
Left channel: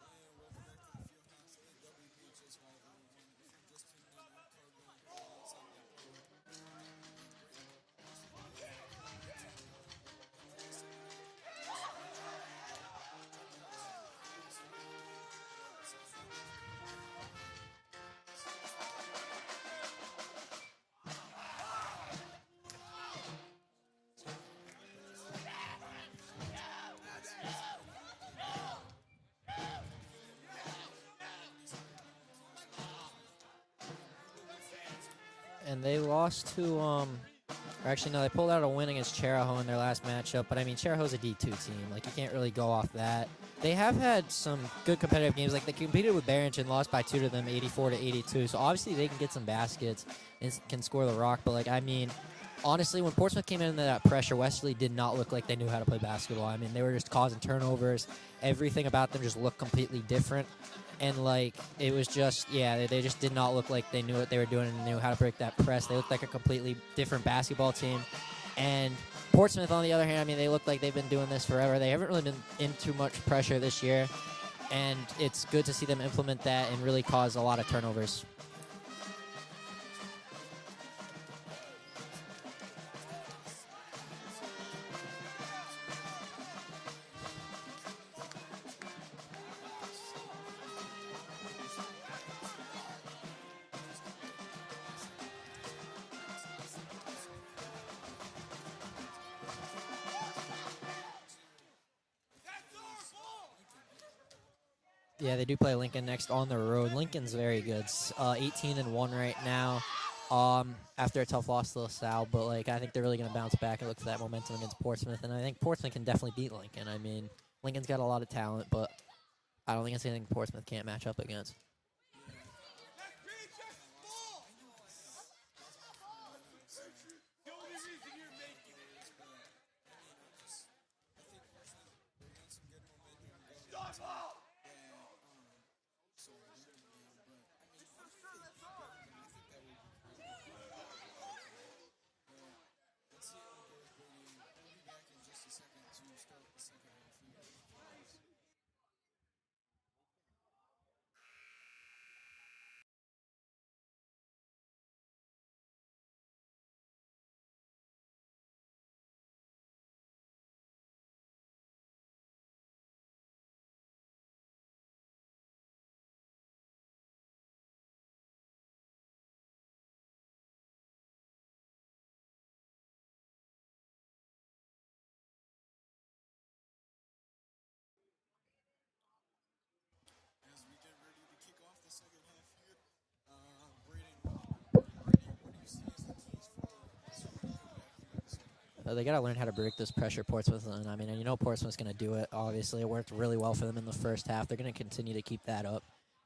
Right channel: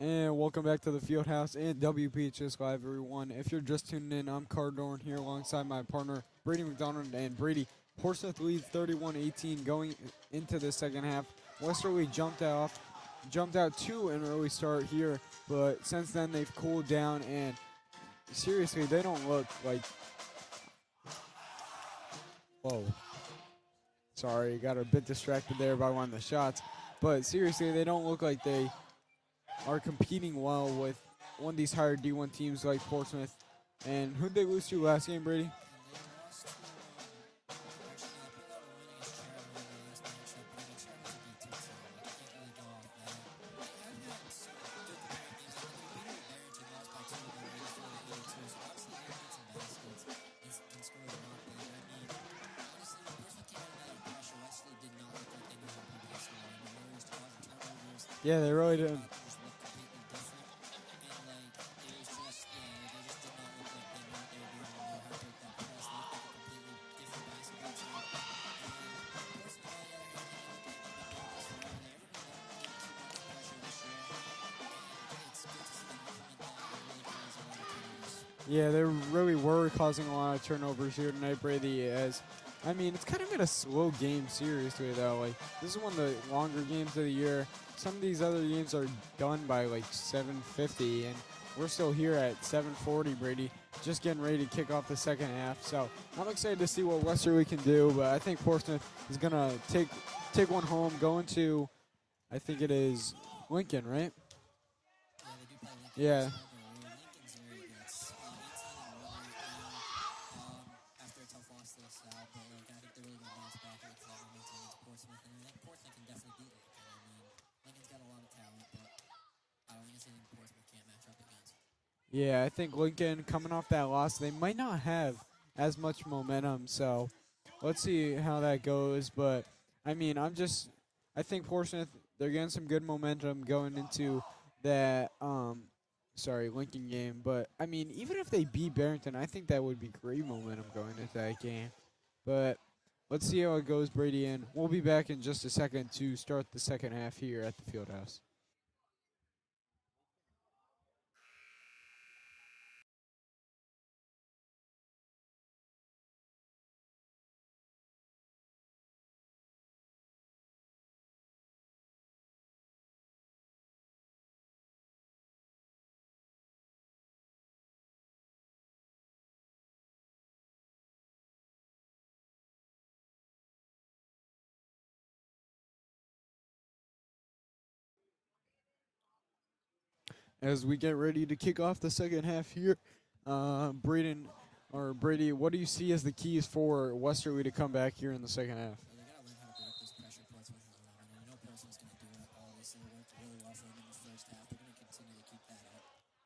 And welcome back to the Fieldhouse and WPHS Live, everyone. If you're just tuning in, I'm Cardorn here alongside my partner, Brady McDonald. And Brady, Portsmouth leads 31-18 going into the second half. Westerly jumped out to an early start here, but since then they've cooled down, and seriously, they don't look like... Whoa. Sorry, got a bit distracted there by one of the shots. But seriously, they don't look like they are competing well with one of these higher D1 teams like Portsmouth. And who'd they lose to last game, Brady? And they lost to, actually, no, they pulled out a win against Cheraho in their last matchup. But, I mean, Cheraho's a D2 team. Like, you can't really go off that. They have had some good competitive games. Like, they competed with Barrington, lost by 2 to them, 84-82. So, obviously, they can get some baskets and can score the rock. But, like, I mean, honestly, when Portsmouth came into that pressure, Westerly did not look like they knew how to play basketball. I mean, they were just causing turnovers. Yeah, everything really about them just looked completely different. And, like, it was just, yeah, they just did not look like they knew what they were doing and knew how to break that press. They looked like a completely different basketball team. And Portsmouth, on the other hand, I mean, they look like they've been doing this forever. They haven't really been in too much pressure this year. And it's good to see them implement that and really cause a lot of turnovers. Yeah, they really were causing a lot of turnovers here tonight, Brady, as... I mean, it's kind of been a slow game, seriously, though. Like, this is one of the longer games of the year. Some of these other games are done by, like, 7:50, and we're still here at 7:40, Brady, just getting ready to kick off the second half. So I'm excited to see what Westerly can do, but I think Portsmouth is going to take one home, going to, I think it is Lincoln, right? Yeah, they do play Lincoln next on the road. Lincoln's very good. 18-1 right now. After a tough loss to LaSalle, but like I think they're really going to bounce back and look for that momentum against Portsmouth, and I think Portsmouth can definitely beat Lincoln. I mean, Lincoln's got a lot of talent, but I don't think it's anything Portsmouth can't match up against. Yeah, I think Lincoln, coming off that loss, they might not have as much momentum, so let's see how that goes. But, I mean, I think Portsmouth, they're getting some good momentum going into that, Lincoln game. But, I mean, even if they beat Barrington, I think that would be great momentum going into that game. But let's see how it goes, Brady, and we'll be back in just a second to start the second half here at the Fieldhouse. As we get ready to kick off the second half here, Brady, what do you see as the keys for Westerly to come back here in the second half? They got to learn how to break this pressure Portsmouth, and I mean, you know Portsmouth's going to do it. Obviously, it worked really well for them in the first half. They're going to continue to keep that up,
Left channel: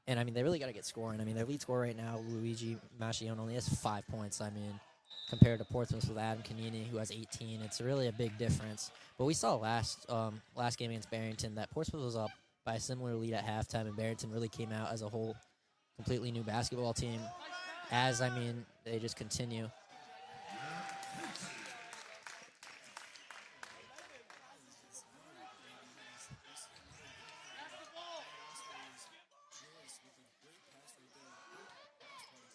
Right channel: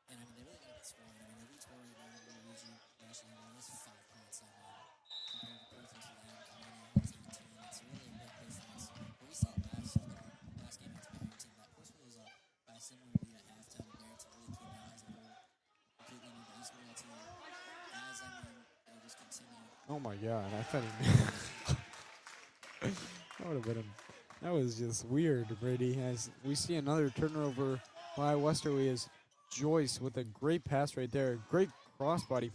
and I mean, they really got to get scoring. I mean, their lead scorer right now, Luigi Mascione, only has 5 points. I mean, compared to Portsmouth with Adam Canini, who has 18, it's really a big difference. But we saw last game against Barrington that Portsmouth was up by a similar lead at halftime, and Barrington really came out as a whole completely new basketball team. As, I mean, they just continue. Oh, my God. That was just weird, Brady. As we see another turnover by Westerly is Joyce with a great pass right there. Great cross-court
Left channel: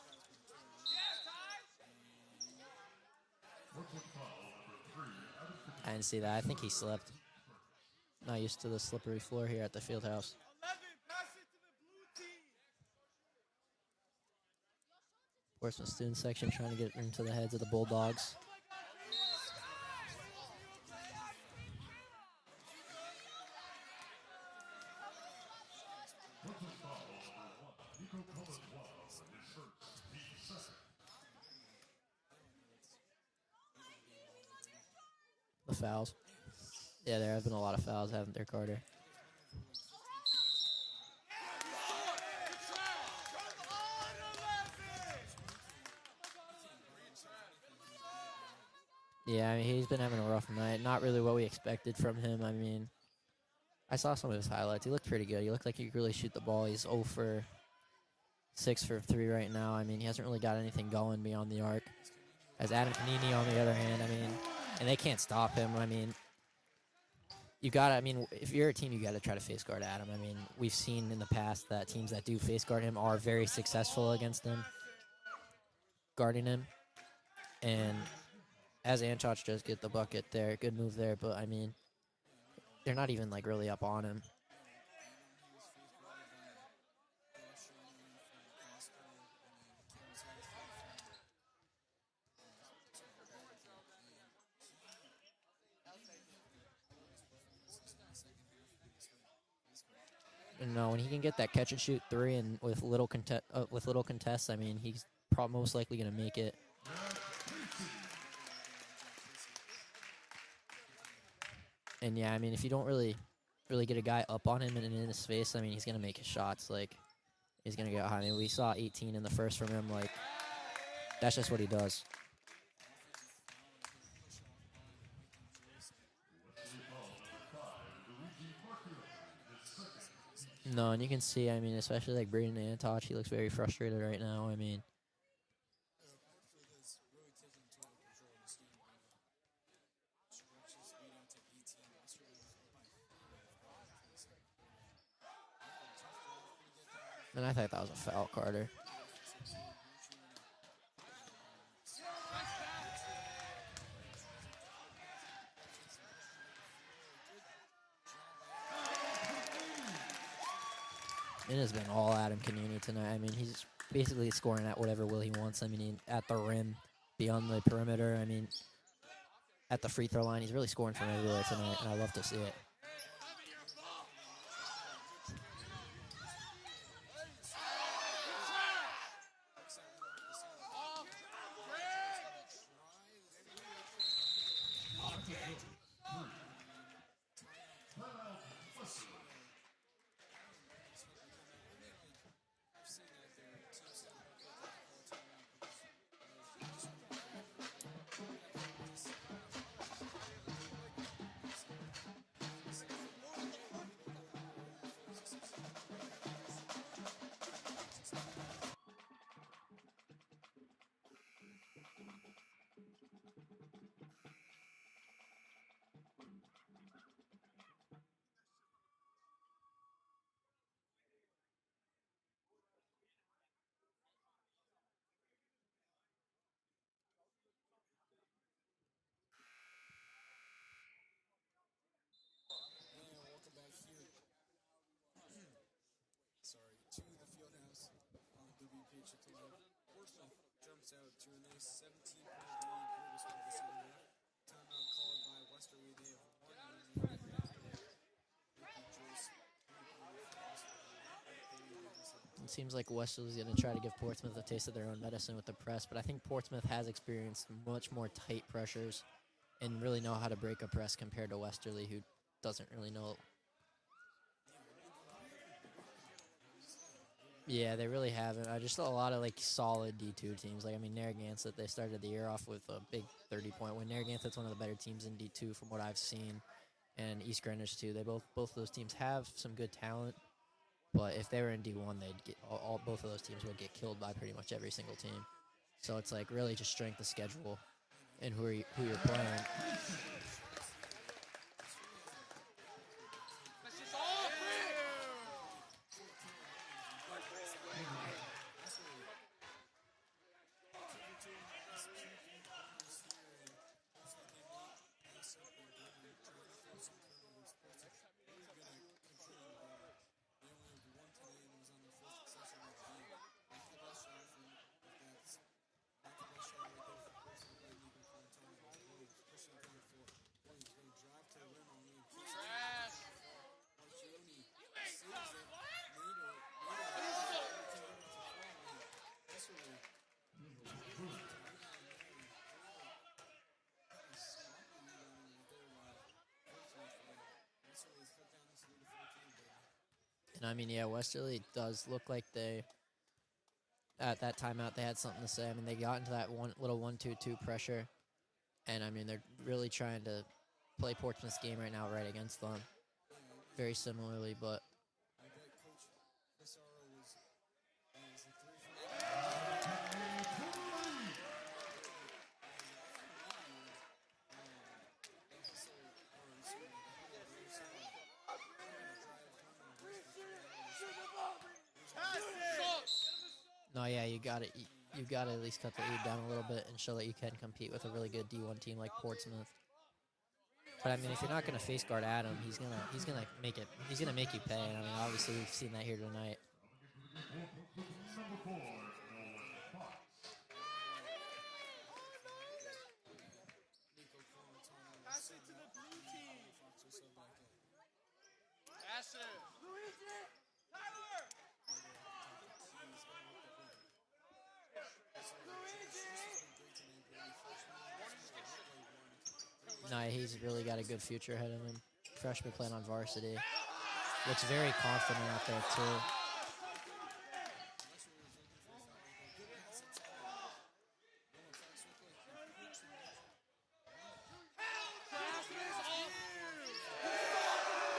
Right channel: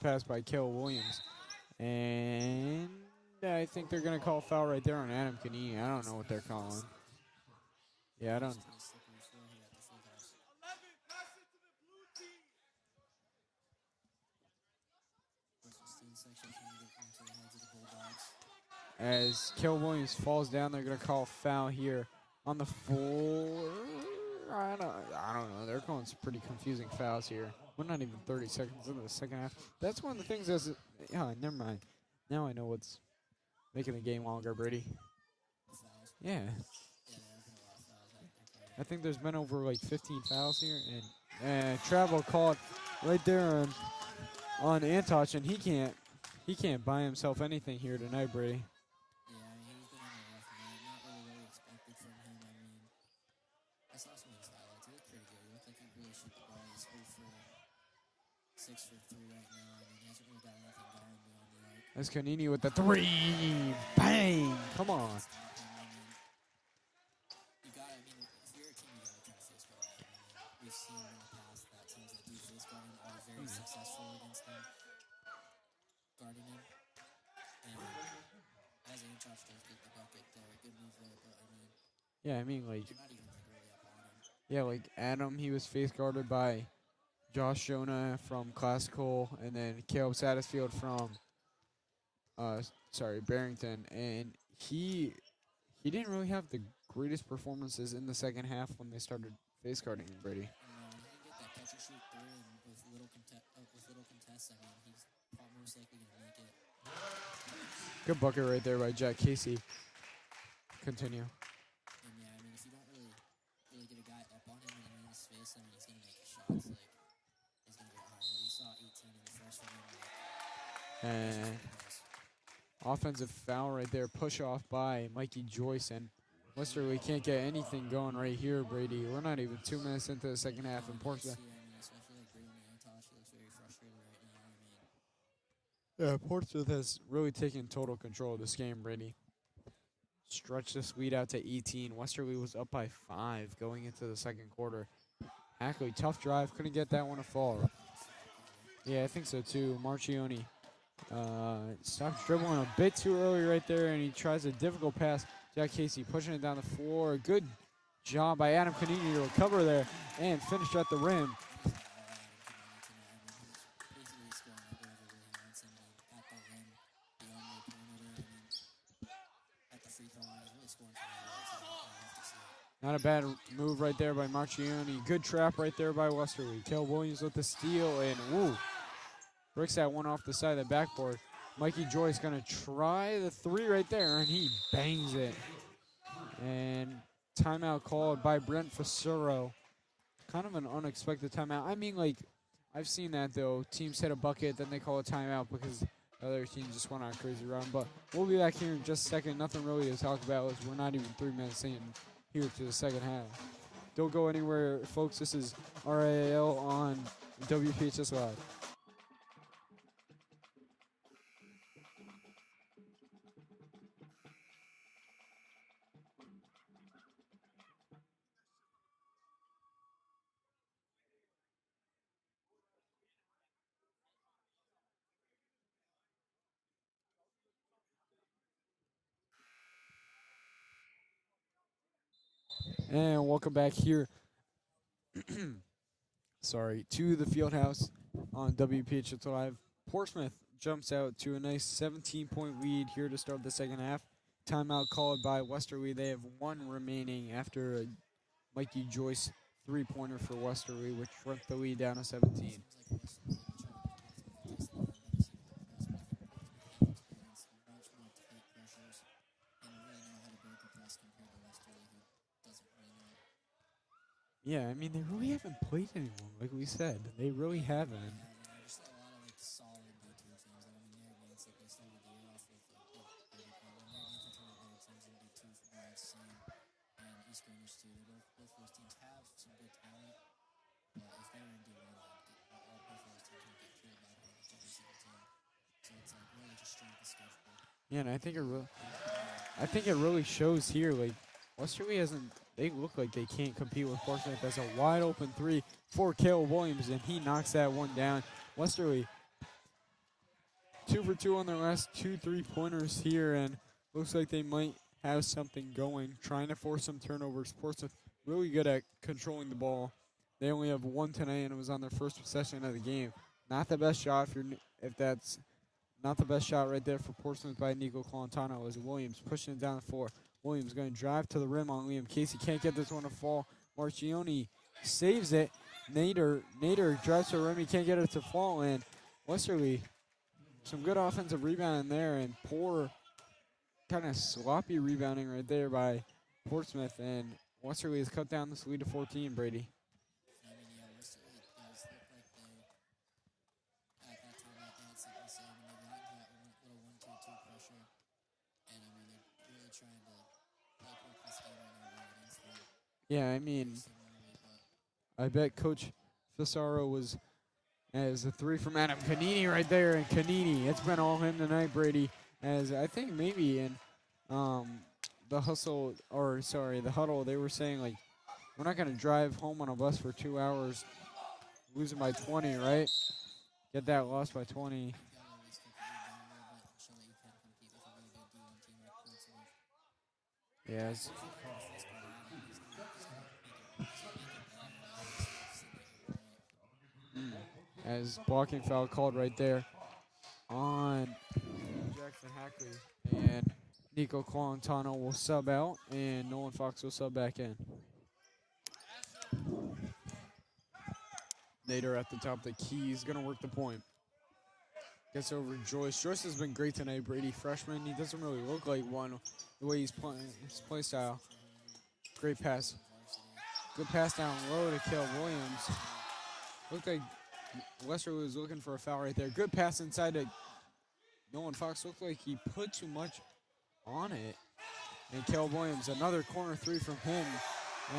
pass by Kale Williams. And I think they're going to call a foul right there on Adam Canini. I don't see know that. I think foul he on. slipped. Yeah, I used to the slippery floor here at the Fieldhouse. Portsmouth student section trying to get into the heads of the Bulldogs. As Kale Williams falls down, they're going to call a foul here on the floor. I don't know. They're calling some pretty confusing fouls here. We're not even 30 seconds into the second half. That's one of the things that's... never mind. Now I know what's making the game longer, Brady. The fouls. Yeah. Yeah, there have been a lot of fouls, haven't there, Carter? I think there's been over like 15 fouls here, and travel called right there on Antoch, and he can't buy himself anything here tonight, Brady. Yeah, I mean, he's been having a rough night. Not really what we expected from him. I mean, I saw some of his highlights. He looked pretty good. He looked like he could really shoot the ball. He's 0 for 6 for 3 right now. I mean, he hasn't really got anything going beyond the arc. That's Canini with the Adam 3. Canini on the other hand. Bang! And they can't stop him. I mean, you got to, I mean, if you're a team, you got to try to face guard Adam. I mean, we've seen in the past that teams that do face guard him are very successful against him, guarding him. And as Anchach does get the bucket there, good move there, but I mean, Yeah, I mean, like, they're not even like really up on him. yeah, like Adam, he was face guarded by Josh Jonah from Classical, and then Caleb Satterfield from, Barrington, and he didn't really have the greatest performances in the second half when they started face guarding him, Brady. And no, when he can get that catch and shoot three and with little contests, I mean, he's most likely going to make it. Good bucket right there by Jack Casey. Continue. And yeah, I mean, if you don't really get a guy up on him and in his face, I mean, he's going to make his shots. Like, he's going to get high. I mean, we saw 18 in the first from him. Like, that's just what he does. Offensive foul right there. Push off by Mikey Joyce. And Westerly can't get anything going right here, Brady. We're not even 2 minutes into the second half. No, and you can see, I mean, especially like Braden Antoch, he looks very frustrated right now. I mean, yeah, Portsmouth has really taken total control of this game, Brady. Stretched this lead out to 18. Westerly was up by 5 going into the second quarter. Ackley, tough drive, couldn't get that one to fall. I thought that was a foul, Carter. Yeah, I think so too. Marchioni stops dribbling a bit too early right there, and he tries a difficult pass. Jack Casey pushing it down the floor. Good job by Adam Canini to recover there and finish at the rim. It has been all Adam Canini tonight. I mean, he's basically scoring at whatever will he wants. I mean, at the rim, beyond the perimeter. I mean, at the free throw line, he's really scoring from everywhere tonight, and I love to see it. Not a bad move right there by Marchioni. Good trap right there by Westerly. Kel Williams with the steal, and woo, breaks that one off the side of the backboard. Mikey Joyce gonna try the three right there, and he bangs it. And timeout called by Brent Fasuro. Kind of an unexpected timeout. I mean, like, I've seen that though. Teams hit a bucket, then they call a timeout because other teams just went on a crazy run. But we'll be back here in just a second. Nothing really to talk about. We're not even 3 minutes in here to the second half. Don't go anywhere, folks. This is RIIL on WPHS Live. And welcome back here. To the Fieldhouse on WPHS Live. Portsmouth jumps out to a nice 17-point lead here to start the second half. Timeout called by Westerly. They have one remaining after a Mikey Joyce three-pointer for Westerly, which brought the lead down to 17. Seems like Westerly's going to try to give Portsmouth a taste of their own medicine with the press, but I think Portsmouth has experienced much more tight pressures and really know how to break a press compared to Westerly, who doesn't really know. Yeah, I mean, they really haven't played anyone, like we said. They really haven't. Yeah, they really haven't. Just a lot of, like, solid D2 teams. Like, I mean, Narragansett, they started the year off with a big 30-point win. Narragansett's one of the better teams in D2 from what I've seen. And East Greenwich, too. They both those teams have some good talent. But if they were in D1, they'd get both of those teams would get killed by pretty much every single team. So it's, like, really just strength of schedule. Yeah, and I think who you're playing. I think it really shows here, like, Westerly hasn't. They look like they can't compete with Portsmouth. There's a wide open three for Caleb Williams, and he knocks that one down. Westerly 2 for 2 on their last 2 3-pointers here, and looks like they might have something going, trying to force some turnovers. Portsmouth really good at controlling the ball. They only have one tonight, and it was on their first possession of the game. Not the best shot if that's not the best shot right there for Portsmouth by Nico Colantano, as Williams pushing it down the floor. Williams going to drive to the rim on Liam Casey. Can't get this one to fall. Marchioni saves it. Nader drives to the rim. He can't get it to fall. And Westerly, some good offensive rebounding there, and poor kind of sloppy rebounding right there by Portsmouth. And Westerly has cut down this lead to 14, Brady. And I mean, yeah, Westerly does look like they, at that timeout, they had something to say. I mean, they got into that little 1-2-2 pressure. And, I mean, they're really trying to play Portsmouth's game right now right against them. Yeah, I mean. Very similarly, but. I bet Coach Fisaro was as a three from Adam Canini right there. And Canini, it's been all him tonight, Brady. As I think maybe in the hustle, or sorry, the huddle, they were saying, like, we're not going to drive home on a bus for 2 hours losing by 20, right? Get No, that yeah, loss by 20. You got to at least cut the lead down a little bit and show that you can compete with a really good D1 team like Portsmouth. Yeah, But I mean, if you're not going to face guard Adam, he's gonna make it. He's gonna make you pay. And I mean, obviously we've seen that here tonight. as blocking foul called right there on Jackson Hackley. And Nico Colantano will sub out, and Nolan Fox will sub back in. Nader at the top of the key is going to work the point. Gets over Joyce. Joyce has been great tonight, Brady. Freshman, he doesn't really look like one the way he's playing. He's really got a good style. future ahead of him. Great Freshman pass. playing on varsity. Good pass down. Looks very low to confident Kel out Williams. there, too. Looked like Westerly was looking for a foul right there. Good pass inside to Nolan Fox. Looked like he put too much on it. And Kel Williams, another corner three from him.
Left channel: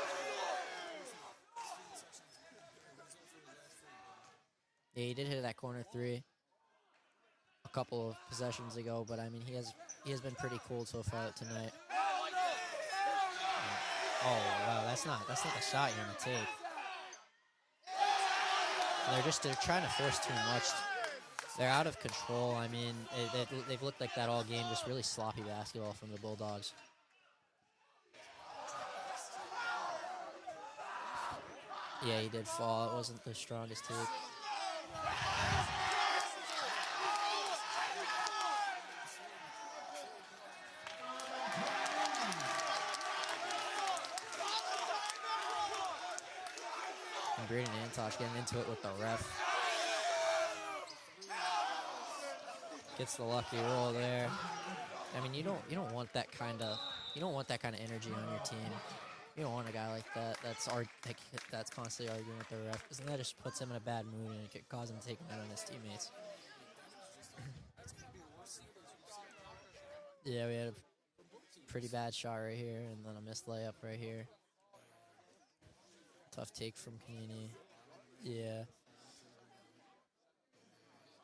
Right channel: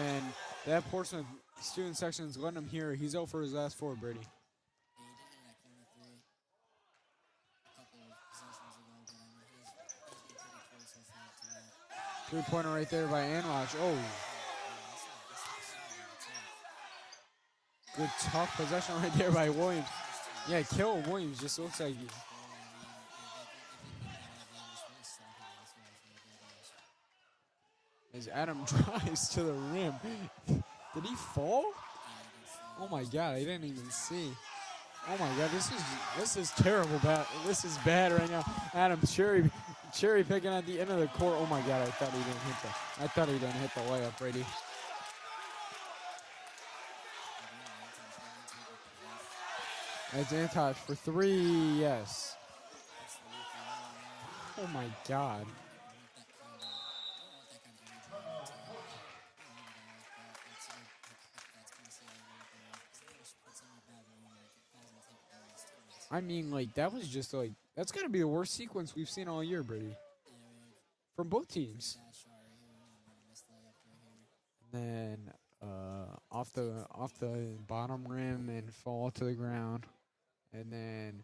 And that Portsmouth student section's letting him hear. He's out for his last 4, Brady. Yeah, he did hit that corner 3 a couple of possessions ago, but I mean, he has been pretty cool so far tonight. 3-pointer right there by Anwaj. Oh, wow, that's not a shot you're gonna take. good tough possession right They're there by trying Williams. to force too Yeah, much. Kel Williams just They're looks out like of control. I mean, they've looked like that all game, just really sloppy basketball from the Bulldogs. as Adam drives to the rim. Did he fall? Yeah, he did fall. Oh my Wasn't God, the I didn't even strongest take. see. Oh my God, this is terrible. This is bad right now. Adam cherry picking at the end of the court. Oh my God, I thought he didn't hit the layup, Brady. And Braden Antosh getting into it with the ref. That's Antosh for 3. Yes. Gets the lucky roll there. Oh my I God. mean, you don't want that kind of energy on your team. You don't want a guy like that that's constantly arguing with the ref, because that just puts him in a bad mood and it could cause him to take him out on his teammates. I mean, like, that was just like, that's got to be the worst sequence we've seen all year, Brady. Yeah, we had From both a teams. pretty bad shot right here, and then a missed layup right here. And then off take from the Keeney. bottom rim Yeah. and fall to the ground. And then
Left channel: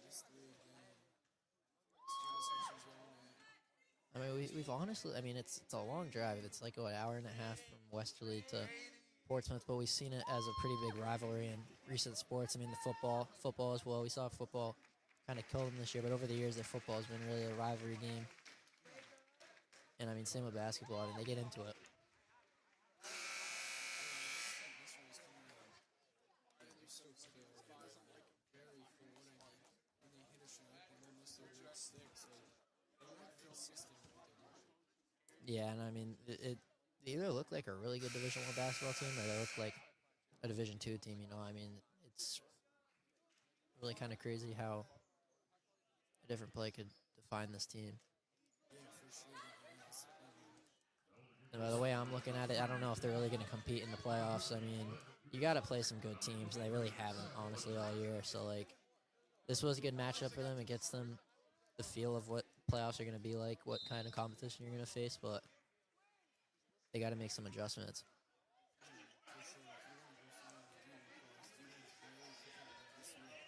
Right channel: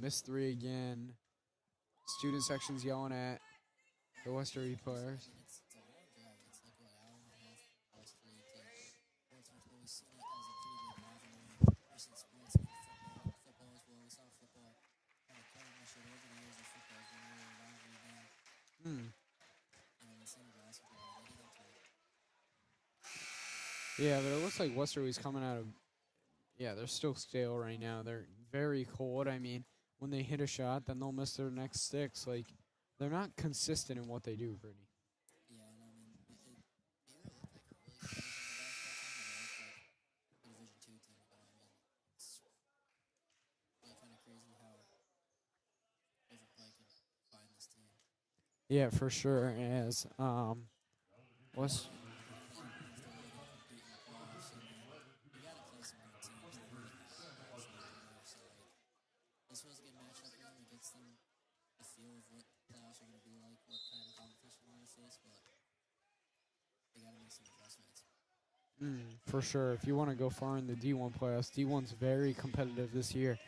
missed 3 again. Student section's yelling at. I mean, Westerly honestly, players. I mean, it's a long drive. It's like an hour and a half from Westerly to Portsmouth, but we've seen it as a pretty big rivalry in recent sports. I mean, the football as well. We saw football kind of kill them this year, but over the years, the football has been really a rivalry game. And I mean, same with basketball. I mean, they get into it. Yeah, but it looks like Westerly's coming out of. Yeah, they're still stale right now. They're very cold. I mean, when they hit a shot, then they'll miss their next 6. Like, they're not consistent in what they do, Brady. Yeah, and I mean, they either look like a really good Division I basketball team, or they look like a Division II team. You know, I mean, it's really kind of crazy how a different play could define this team. Yeah, for sure. As And the way I'm looking at it, I don't know if they're really going to compete in the playoffs. I mean, you got to play some good teams, and they really haven't, honestly, all year. So, like, this was a good matchup for them. It gets them the feel of what playoffs are going to be like, what kind of competition you're going to face, but they got to make some adjustments. For sure. If you want to go far in the D1 playoffs, D1's very competitive this year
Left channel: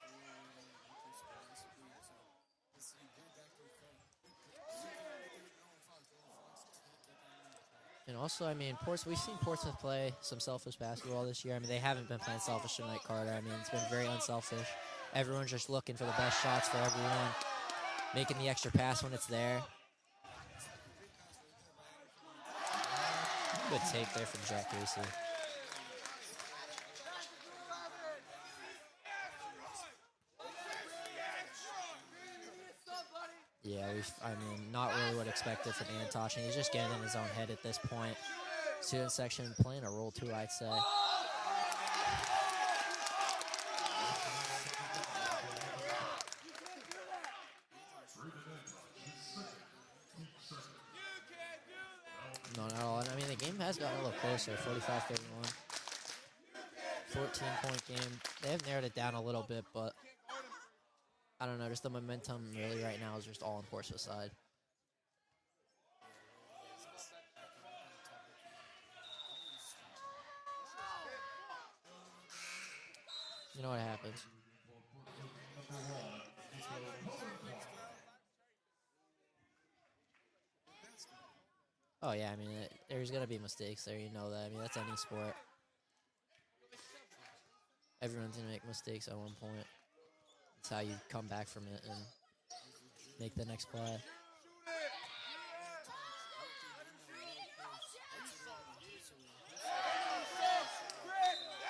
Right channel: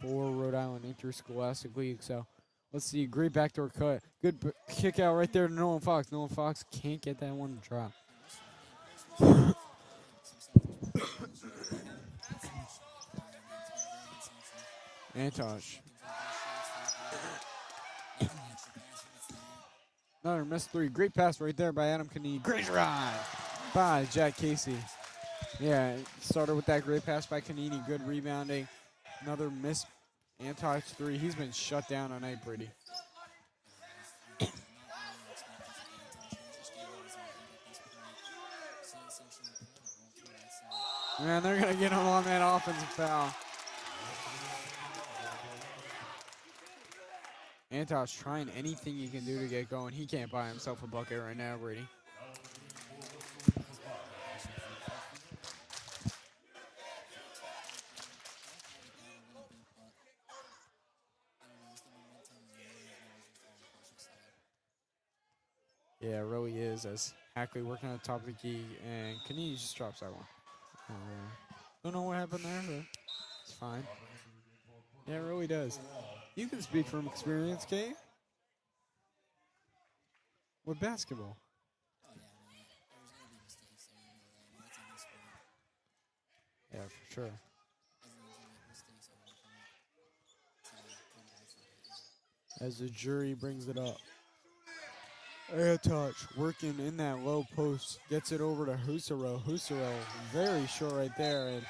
for Rhode Island Interscholastic League. So let's see. Great backdoor cut. Good kick out right there to Nolan Fox. Nolan Fox can't get that one to drop. And also, I mean, we've seen Portsmouth play some selfish basketball this year. I mean, they haven't been playing selfish tonight, Carter. I mean, it's been very unselfish. Everyone's just looking for the best shots for everyone, making the extra pass when it's there. Another missed 3. Great pass right there by Adam Kanee. Great run by Jack Casey. Yeah, it started with that great pass by Kanini. Good rebounding. Another missed Antox 3. He's been shut down tonight, Brady. Yeah, I mean, not really what expected from Antosh, and he's just getting in his own head at this point. Student section playing a role too, I'd say. Yeah, they're going to get him on that offensive foul. Antosh trying anything he can do to get going. He can't buy himself a bucket right now, Brady. No, not at all. And I mean, the game has gotten a little closer, 45-31. 14-point game. They have narrowed it down a little bit, but I don't know. Just the momentum really right now is just all on Portsmouth's side. Yeah, it really is, as Hackley working on the top of the key, and Kanini just drops that one. Don't know what happened there, but it's You know fine. what happens. Yeah, it really does. You can speak from experience, Kay. with basketball. Oh, yeah, I mean, there's going to be mistakes there. You know that. I mean, that's any sport. Yeah, for sure. Everyone's going to make mistakes at one point. It's how you come back from it. And As the jury make the brings next it play. up. Air touch, working in that low post, gets it over to Husaro. Husaro, very short right there. And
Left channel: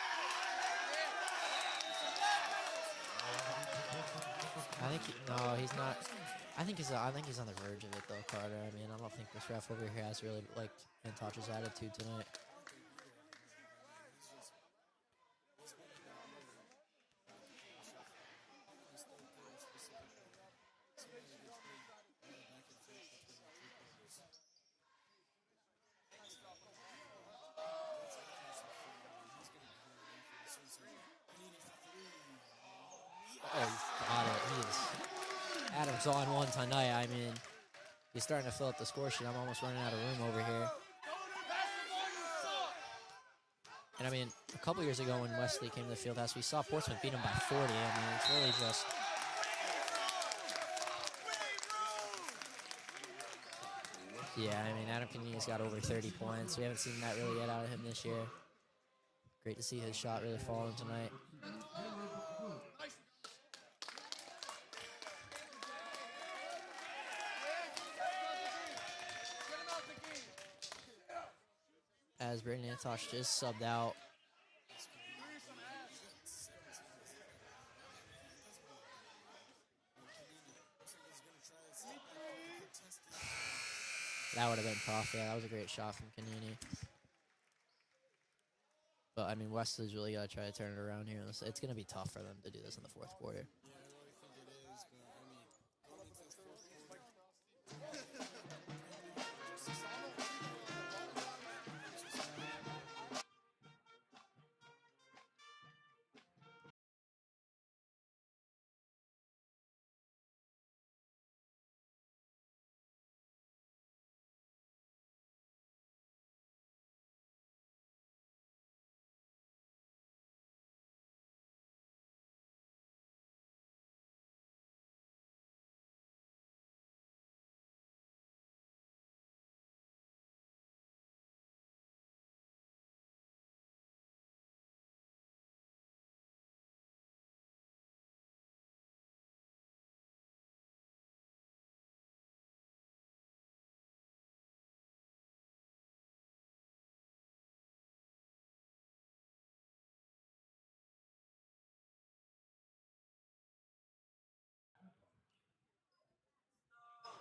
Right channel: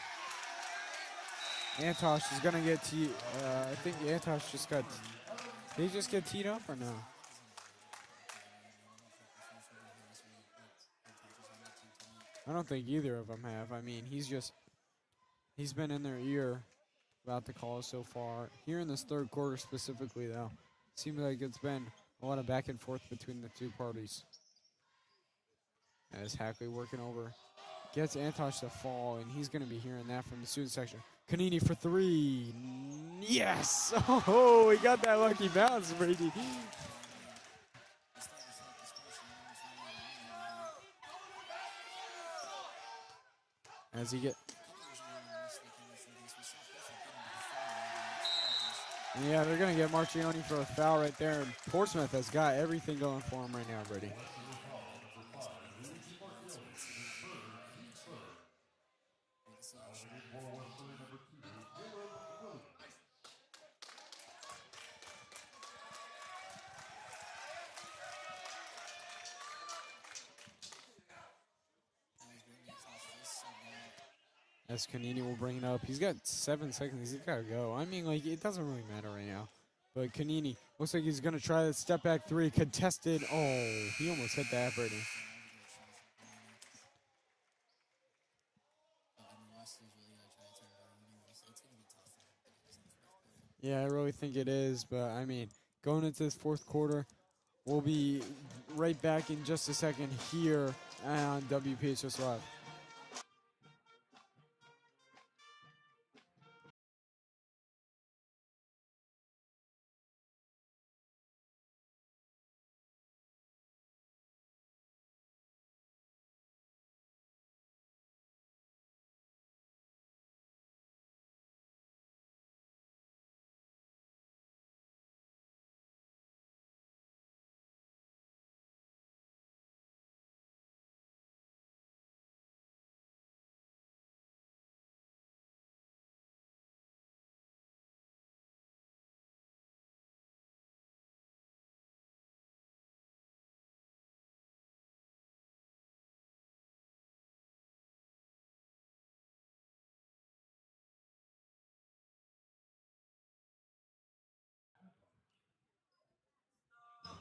Antosh is going to get teed. I think Antosh just got. I think no, he's Did not. he just get teed up? I think or he's. no? I think he's on the verge of it though, Carter. I mean, I don't think this ref over here has really liked Antosh's attitude tonight. I don't think either of them have. I mean, he's been in their ear about the calls so far. Here in this third quarter specifically, though, seems like it's been a lot of back and forth between the two parties. As Hackley working over, gets Antosh to fall, and he's going to be hearing that from the student section. Kanini for three. Yes! Oh, he got that lucky bounce. Adam's on one tonight. I mean, he's starting to fill up the score sheet. I'm almost running out of room over here. And I mean, a couple years ago when Westerly came to the fieldhouse, we saw Portsmouth beat him by 40. I mean, it's really just... Yeah, they're going to get Marchioni for a foul right there, and Portsmouth has got everything going for him right now, Brady. Yeah, I mean, Adam Kanini's got over 30 points. We haven't seen that really yet out of him this year. Great to see his shot really falling tonight. As Braden Antosh just subbed out. As Kanini will bring it up. He's got 7 seconds. He's got to go. I mean, like, it doesn't really matter right now. But Kanini looks like he's going to try that step back three. Contested. Oh, he almost hit that. That was a great shot from Kanini. But, I mean, Wesley's really got to try to turn it around here. It's going to be tough for them to do this in the fourth quarter. Yeah, I really think it is. But, I mean, going into this fourth quarter, we'll be right back in just a second here on WPHS Live.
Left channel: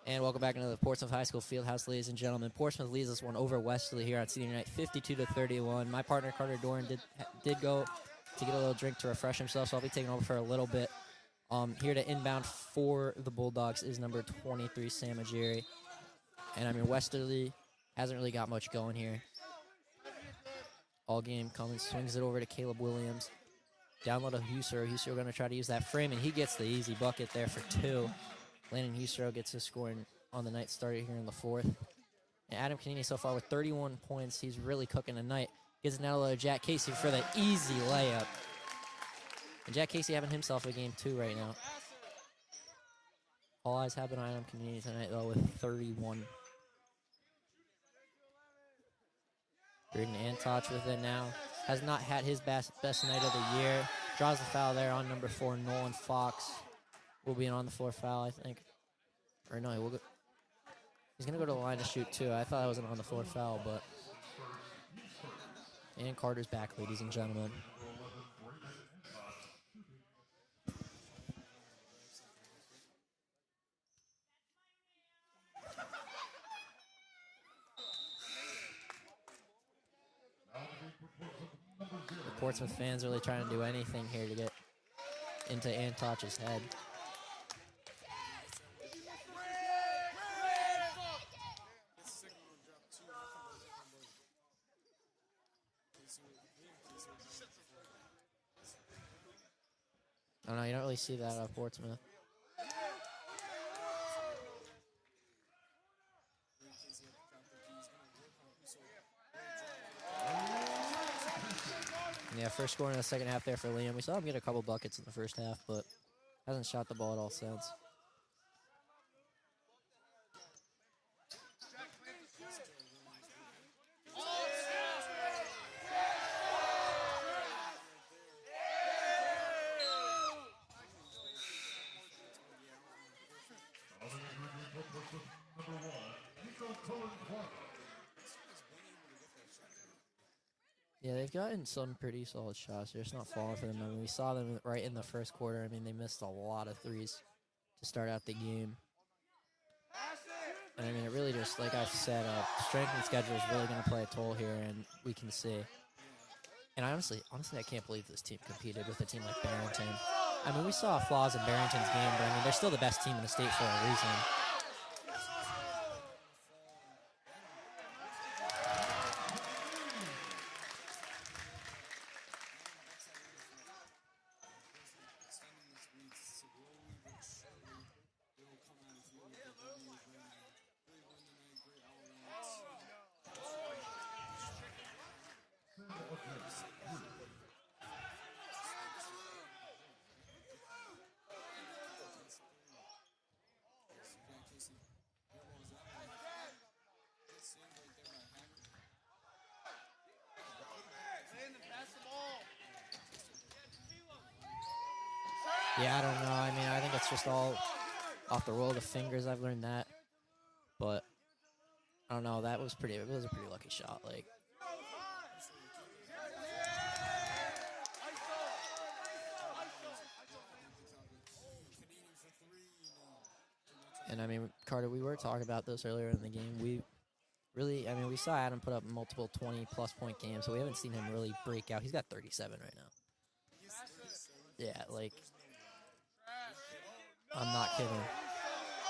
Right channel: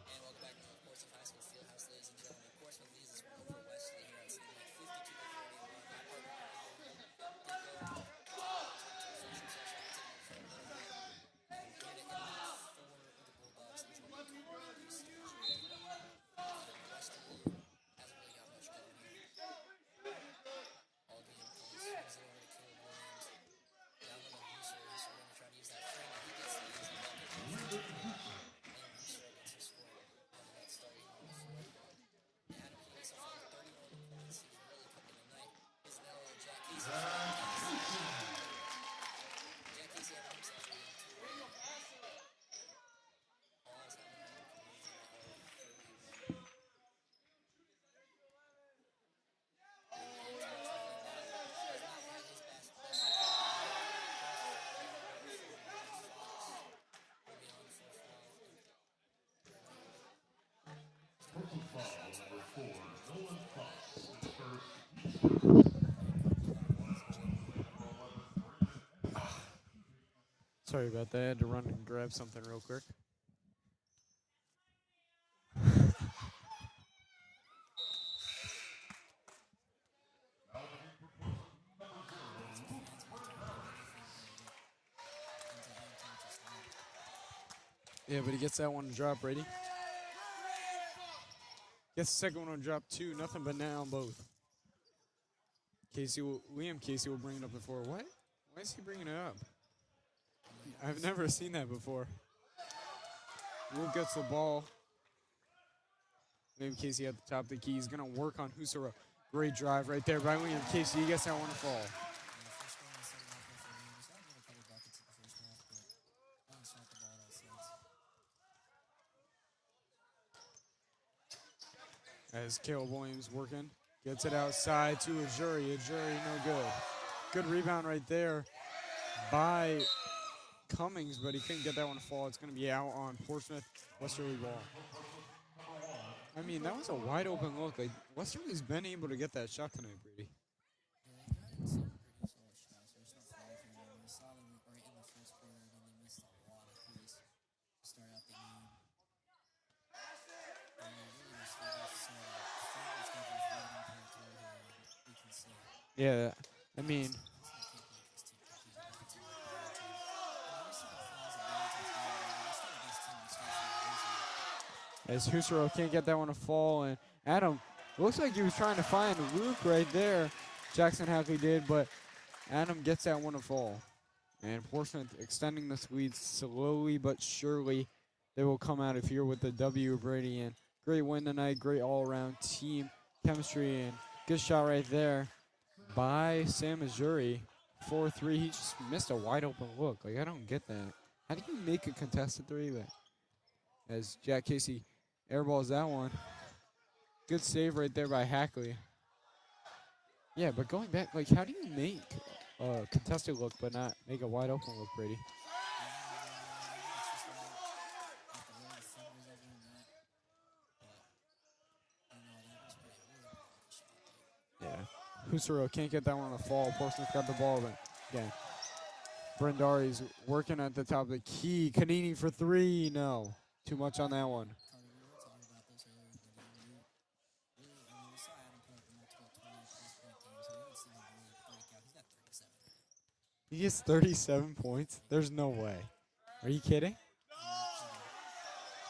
And welcome back into the Portsmouth High School Fieldhouse, ladies and gentlemen. Portsmouth leads this one over Westerly here on senior night, 52-31. My partner, Carter Doran, did go to get a little drink to refresh himself, so I'll be taking over for a little bit. Here to inbound for the Bulldogs is number 23, Sam Ajiri. And, I mean, Westerly hasn't really got much going here. All game Cummins swings it over to Caleb Williams. Down low to Husser. Husser going to try to use that frame, and he gets the easy bucket there for two. Landon Husser gets his scoring on the night started here in the fourth. And Adam Kanini so far with 31 points. He's really cooking tonight. Gives it now to Jack Casey for the easy layup. And Jack Casey having himself a game too right now. All eyes have been on Adam Kanini tonight though with 31. Braden Antoch with it now. Has not had his best night of the year. Draws the foul there on number 4, Nolan Fox. Will be an on-the-floor foul, I think. Or no, he's going to go to the line to shoot, too. I thought it was an on-the-floor foul, but... And Carter's back, ladies and gentlemen. Sorry about that. I had to run and grab something real quick. Portsmouth fans really trying to do anything here to get into Antoch's head. Yeah, but he gets that one to drop, Brady. Gets the second one on drop, too. Nothing but now on both. Liam Casey will bring it up before. What? Why is he bringing it up? I don't know, you don't really I've never seen that Portsmouth. before. Luke gets the ball. Liam Casey at the top of the key. He's going to work on Husara. Great drive right there by Liam Casey. He gets that one to fall. Yeah, first score in the second half there for Liam. We saw him get a couple buckets in the first half, but hasn't shot the ball at all since. As Caleb Williams working, gets it outside to Ajuri. Ajuri, no good. Good rebound right there by Cummings, but he couldn't get that one to fall. It's going to be out on Portsmouth Westerly ball. I mean, that was a wide open look. Like, Westerly's been able to get that shot tonight, Brady. Yeah, they've gotten some pretty solid shots. They're just not falling for them. I mean, we saw them right in the first quarter. I mean, they missed a lot of threes to start out the game. And I mean, it really just, like I said, strength and schedule is really going to play a toll here, and we can see. Yeah. And honestly, I can't believe this team competed with a team like Barrington. I mean, we saw flaws in Barrington's game, but I mean, they're still the best team in the state for a reason. As Husserl can't get that one to fall, and Adam looks like he was trying to find Luke right there. Jackson Happy did, but Adam gets that one to fall. And Portsmouth extending this lead slowly but surely. They will come out of here with the W, Brady. And great win tonight, great all-around team chemistry, and good shot right there by Sam Ajuri. 4-3, he just missed a wide-open look. Like, I don't get that. How do you make a contested three? But as Jack Casey airballs that one. Good save right there by Hackley. Yeah, but going back, like, how do you make a contested look but not make a wide-open look, Brady? Yeah, I don't know. I mean, I think it's just all off the roll of the fingers. I've learned that. But I don't know. It was a pretty lucky shot. Like, yeah. Husserl can't get that one to fall. Portsmouth got the ball, but yeah. Brendari's working at the top of the key. Kanini for three. No. Too much on that one. Carter, we were talking about this earlier in the game. We saw Adam put up multiple 20-plus point games, so we haven't seen him really break out. He's got 37 right now. He gets 37 Yeah, points? like, there's no way. Are you kidding? I'm not kidding.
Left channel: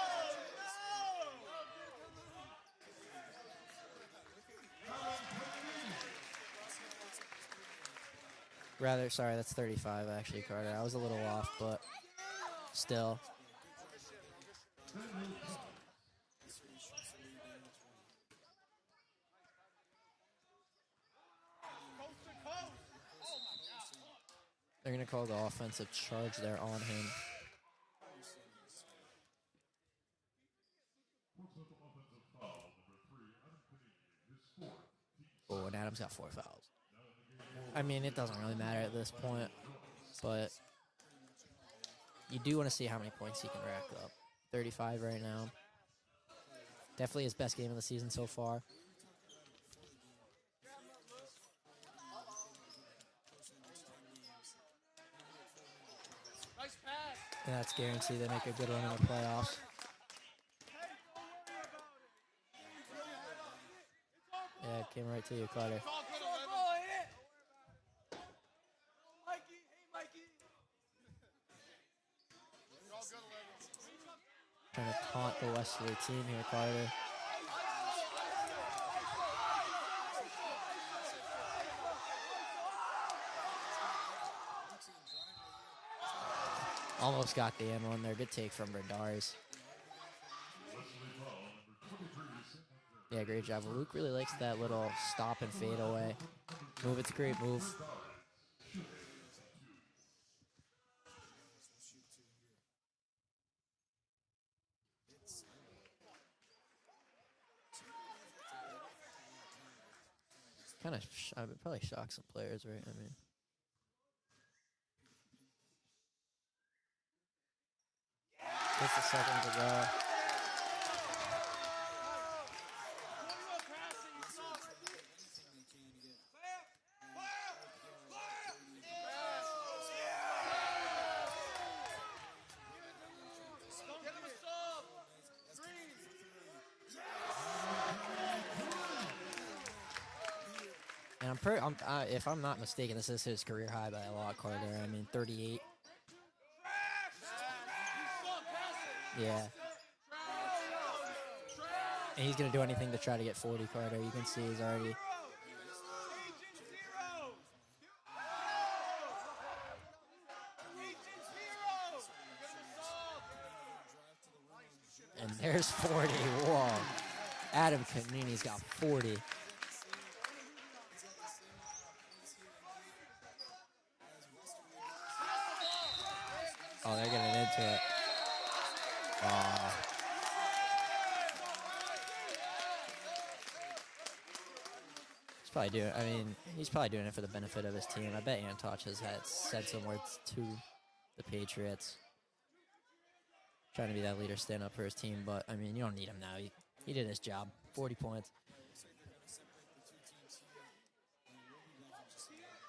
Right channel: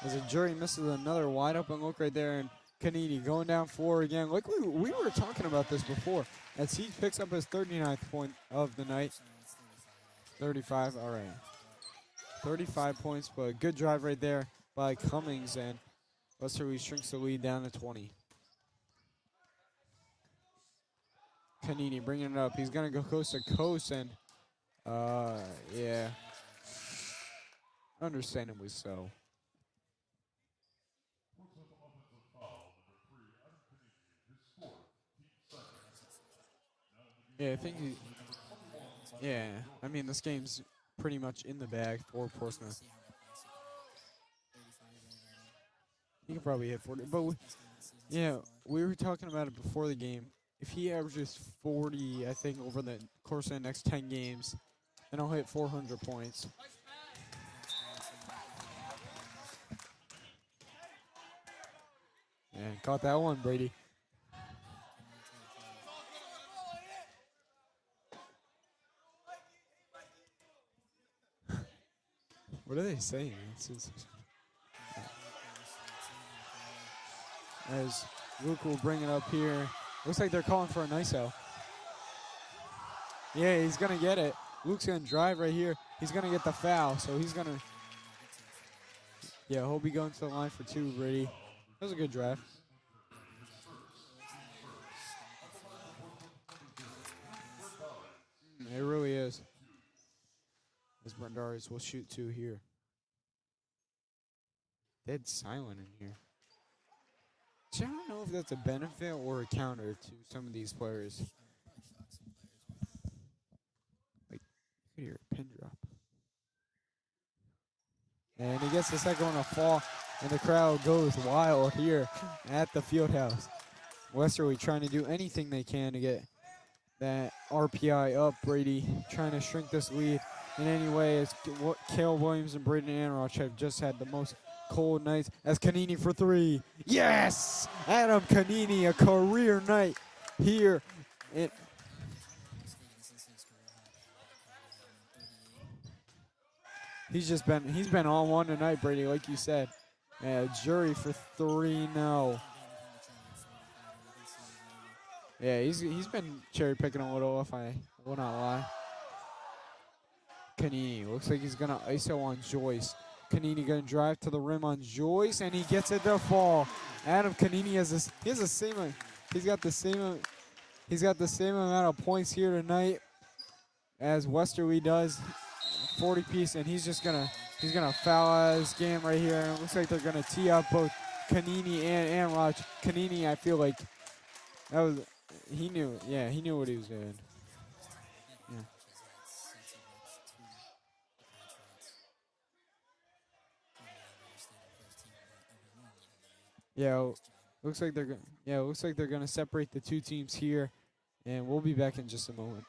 As Ajuri misses another wide open look right there, and Kanini going down 4 again. Like we were talking about this before. As he picks up his 39th point of the night. Sorry, that's 35 actually. 35, Carter. I was a little right. off, but 35 still. points, but good drive right there by Cummings, and Westerly shrinks the lead down to 20. Kanini bringing it up. He's going to go coast to coast, and they're going to call the offensive charge there on him. Understandably so. Oh, and Adam's got 4 fouls. Yeah, I mean, it doesn't really matter at this point. Yeah, I mean, this game's pretty much in the bag for You do want to see how many points he can rack up. 35 right now. He can probably hit 40. Definitely his best game of the season so far. We were talking about it before the game. If he averages 40, I think, over the course of the next 10 games, then I'll hit 400 points. And that's guaranteed to make a good run in the playoffs. Yeah, caught that one, Brady. Yeah, it came right to you, Carter. What are they saying? Trying to haunt the Westerly team here, Carter. As Luke will bring it up here. Looks like they're calling for a nice out. Yeah, he's going to get it. Luke's going to drive right here. He's going to get the foul. So Almost got the end one there. Did take from Berdars. Yeah, he'll be going to the line for 2, Brady. That was a good drive. Yeah, great job. Luke really likes that little stop and fade away. Move, it's a great move. It really is. As Berdars will shoot 2 here. Dead silent in here. So I don't know if that's a benefit or a counter to some of these players. I would probably shock some players, right? I mean, like, you could hear a pin drop. And he gets the second one to fall, and the crowd goes wild here at the Fieldhouse. Westerly trying to do anything they can to get that RPI up. Brady trying to shrink this lead in any way. As Caleb Williams and Braden Anroch have just had the most cold nights. As Kanini for 3. Yes! Adam Kanini, a career night here. And if I'm not mistaken, this is his career high by a lot, Carter. I mean, 38. He's been on one tonight, Brady, like you said. Yeah, Jury for 3 now. And he's gonna do anything to try to get 40, Carter. You can see he's already. Yeah, he's been cherry picking a little, if I will not lie. Kanini looks like he's gonna ISO on Joyce. Kanini gonna drive to the rim on Joyce, and he gets it to fall. Adam Kanini has the same. 40. He's got the same amount of points here tonight as Westerly does. 40 piece, and he's just gonna foul out of this game right here. And it looks like they're gonna tee up both Kanini and Roch. Kanini, I feel like that was. Probably He knew, doing, I mean, he knew what he's he was probably doing. doing it for the benefit of his team. I bet Antoch has said some words to the Patriots. Trying to be that leader, stand up for his team, but I mean, you don't need him now. He did his job. Looks like they're points. it looks like they're going to separate the two teams here, and we'll be back in just a moment.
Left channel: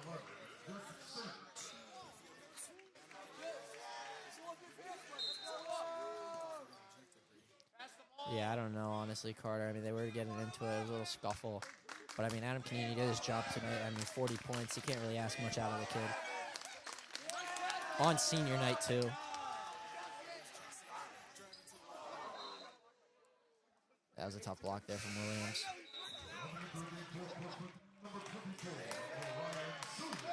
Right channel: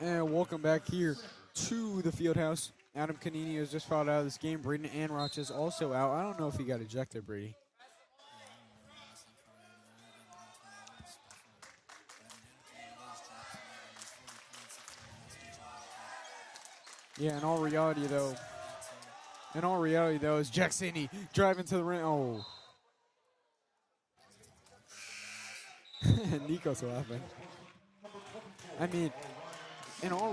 And welcome back here to the field house. Adam Kanini has just fouled out of this game. Braden Anroch is also out. I don't know if he got ejected, Brady. Yeah, I don't know, honestly, Carter. I mean, they were getting into a little scuffle. But, I mean, Adam Kanini did his job tonight. I mean, 40 points. You can't really ask much out of the kid. Yeah, in all reality, On though, senior night, too. In all reality, though, is Jack Sandy driving to the rim. Oh. That was a tough block there from Williams. Nico's laughing. I mean, in all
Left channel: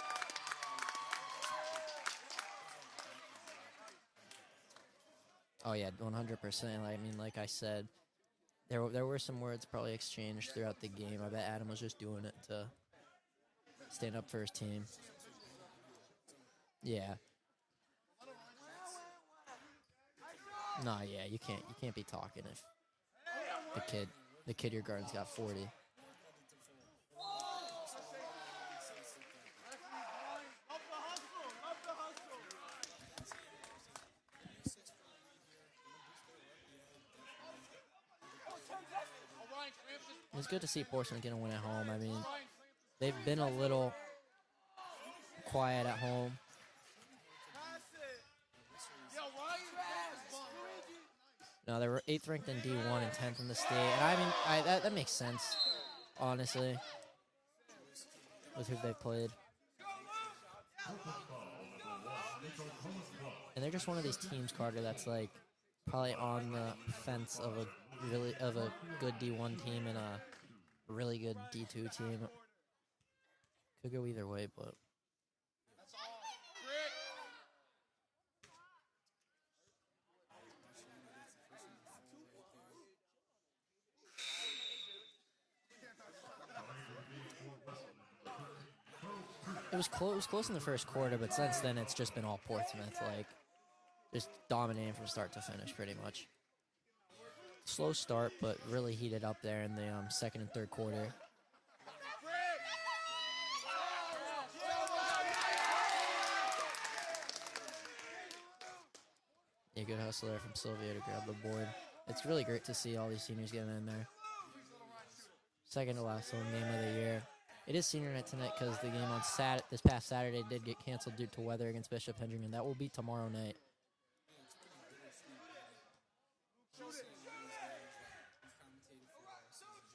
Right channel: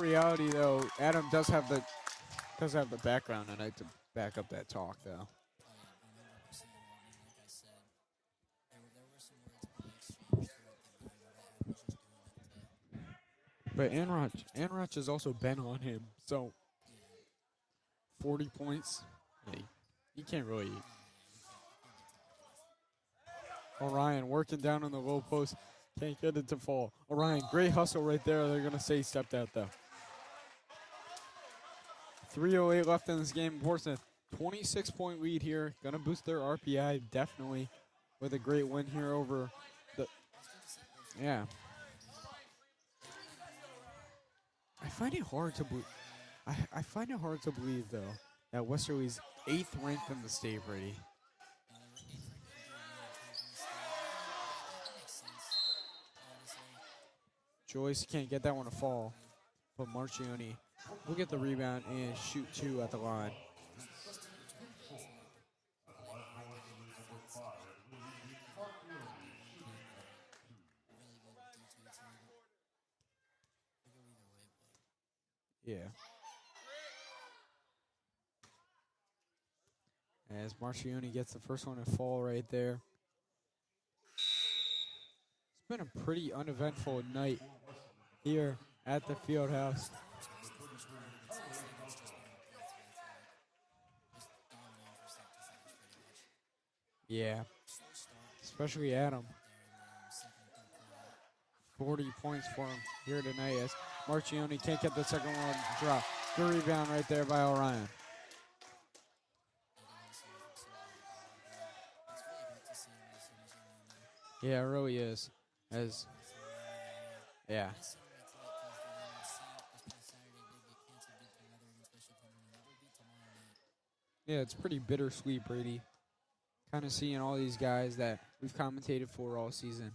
reality, though, Adam does have the background tonight to back up that talk, though. Oh, yeah, 100%. I mean, like I said, there were some words probably exchanged throughout the game. I bet Adam was just doing it to But stand up for his team. Anroch has also been on him, so Yeah. 40 points. Hey, you can't really. No, yeah, you can't be talking if Orion working kid down who on the guards low got post. 40. Can't get it to fall. Orion, great hustle right there. They're going to say he stepped out, though. 3:08 left in this game. Portsmouth, 26-point lead here. Going to boost their RPI, definitely, with a great win here over the. It's good to see Portsmouth get a win at home. I mean, they've been a little I find it hard quiet to at home. I find it hard to believe, though, that Westerly's 8th ranked in the state, Brady. No, they were 8th ranked in D1 and 10th in the state. And I mean, that makes sense, honestly. Joyce can't get that one to That's who they fall. played. But Marcioni will get the rebound and shoot 2 at the line. And they're just one of these teams, Carter, that's like probably on the fence of a good D1 team and a really good D2 team. Could go either way, but Yeah. As Marcioni gets the first one to fall right there. It's been a pretty uneventful night here at the field house. it was close in the first quarter, but since then it's just been all Portsmouth, like just dominating from start to finish, pretty much. Yeah. Slow start, but Especially really Adam. heated up there in the second and third quarter. 40 points for him here tonight as Marcioni can't get the second one drop. Good rebound right there by Orion. Yeah, good hustle there from Sylvia to grab the board. It's really great to see all these seniors getting in there. Yeah, it really is. Second to last home game of the year. Yeah. It is senior night tonight because the game on this past Saturday did get canceled due to weather against Bishop Hendrickson. That will be tomorrow night. Yeah, it's pretty bittersweet, Brady. Kind of seeing all these guys that we've commentated for all season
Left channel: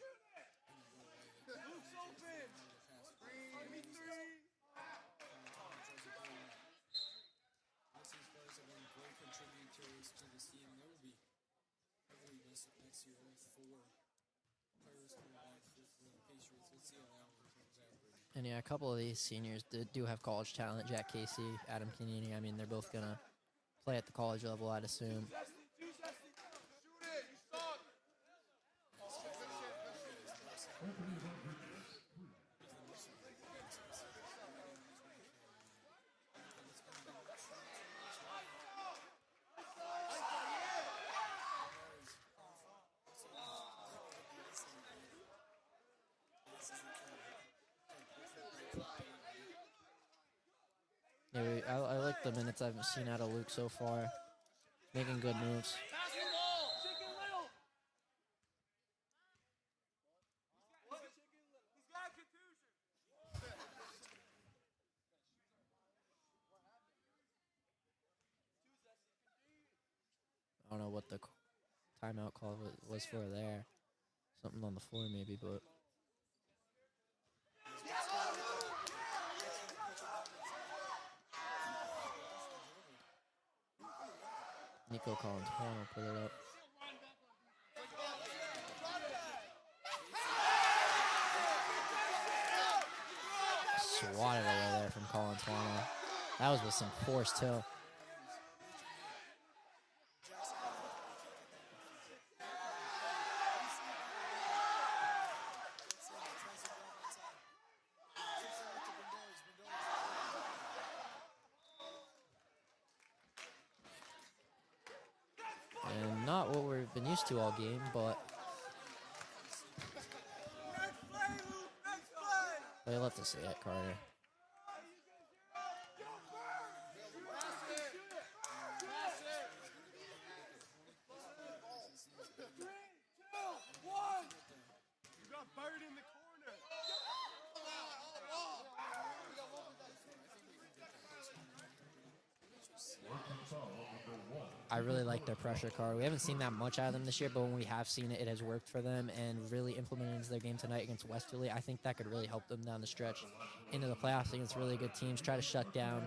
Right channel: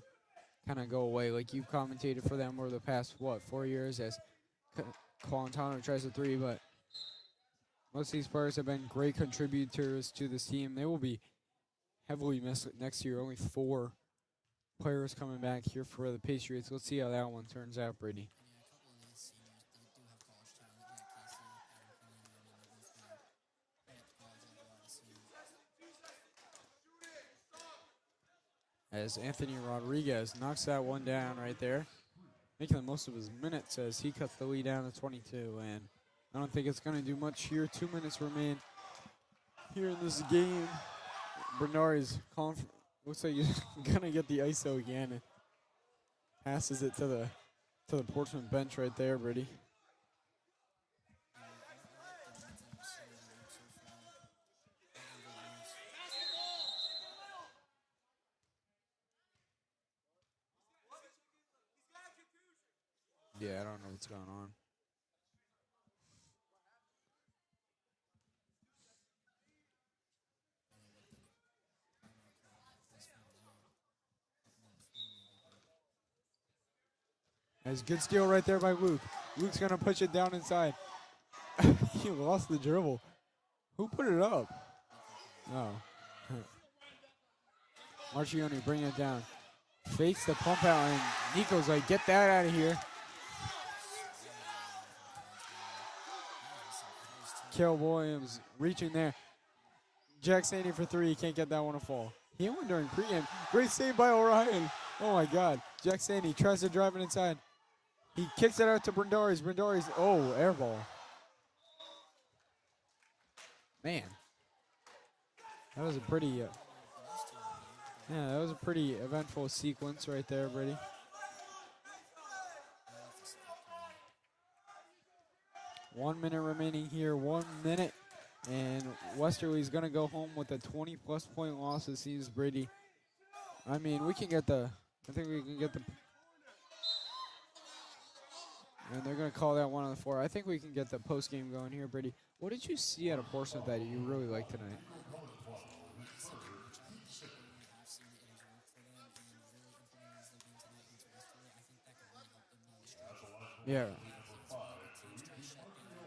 kind of go away. Like you've commentated for them over the past, 4 years as Colantano tries a 3, but most of these players have been great contributors to this team. They will be heavily missed next year. Only 4 players coming back here for the Patriots. Let's see how that one turns out, Brady. And yeah, a couple of these seniors do have college talent. Jack Casey, Adam Canini. I mean, they're both going to play at the college level, I'd assume. As Anthony Rodriguez knocks that one down right there, making the most of his minutes as he cuts the lead down to 22. And I don't think it's going to do much here. 2 minutes remain here in this game. Bernard is looks like he's going to get the ISO again and passes it to the Portsmouth bench right there, Brady. Yeah, I like the minutes I've seen out of Luke so far. Making good moves. Yeah, I don't know what's going on. I don't know what the timeout call was for there. Something on the floor maybe, but That's good steal right there by Luke. Luke's going to push it down inside. He lost the dribble. Who put it up? Nico Collins put it up. Marchioni bring it down. Fakes the pump out, and Nico's like, get that out of here. Swatted away there from Collins. That was with some force, too. Kel Williams reaching there. Jack Sandy for three. He can't get that one to fall. He went during pregame. Great save by Orion. Oh, my God. Jack Sandy tries to drive it inside. He kicks it out to Brendaris. Brendaris, air ball. Man. That was a pretty... Not what we've been used to all game, but... Yeah, that was a pretty eventful sequence right there, Brady. They love to see it, Carter. 1 minute remaining here. 1 minute. And Westerly's going to go home with a 20-plus point loss, it seems, Brady. I mean, we can get the... I think we can get the... And they're going to call that one on the floor. I think we can get the post-game going here, Brady. What did you see out of Portsmouth that you really liked tonight? I really like their pressure card. We haven't seen that much out of them this year, but when we have seen it, it has worked for them and really implemented into their game tonight against Westerly. I think that could really help them down the stretch into the playoffs against really good teams. Try to shut down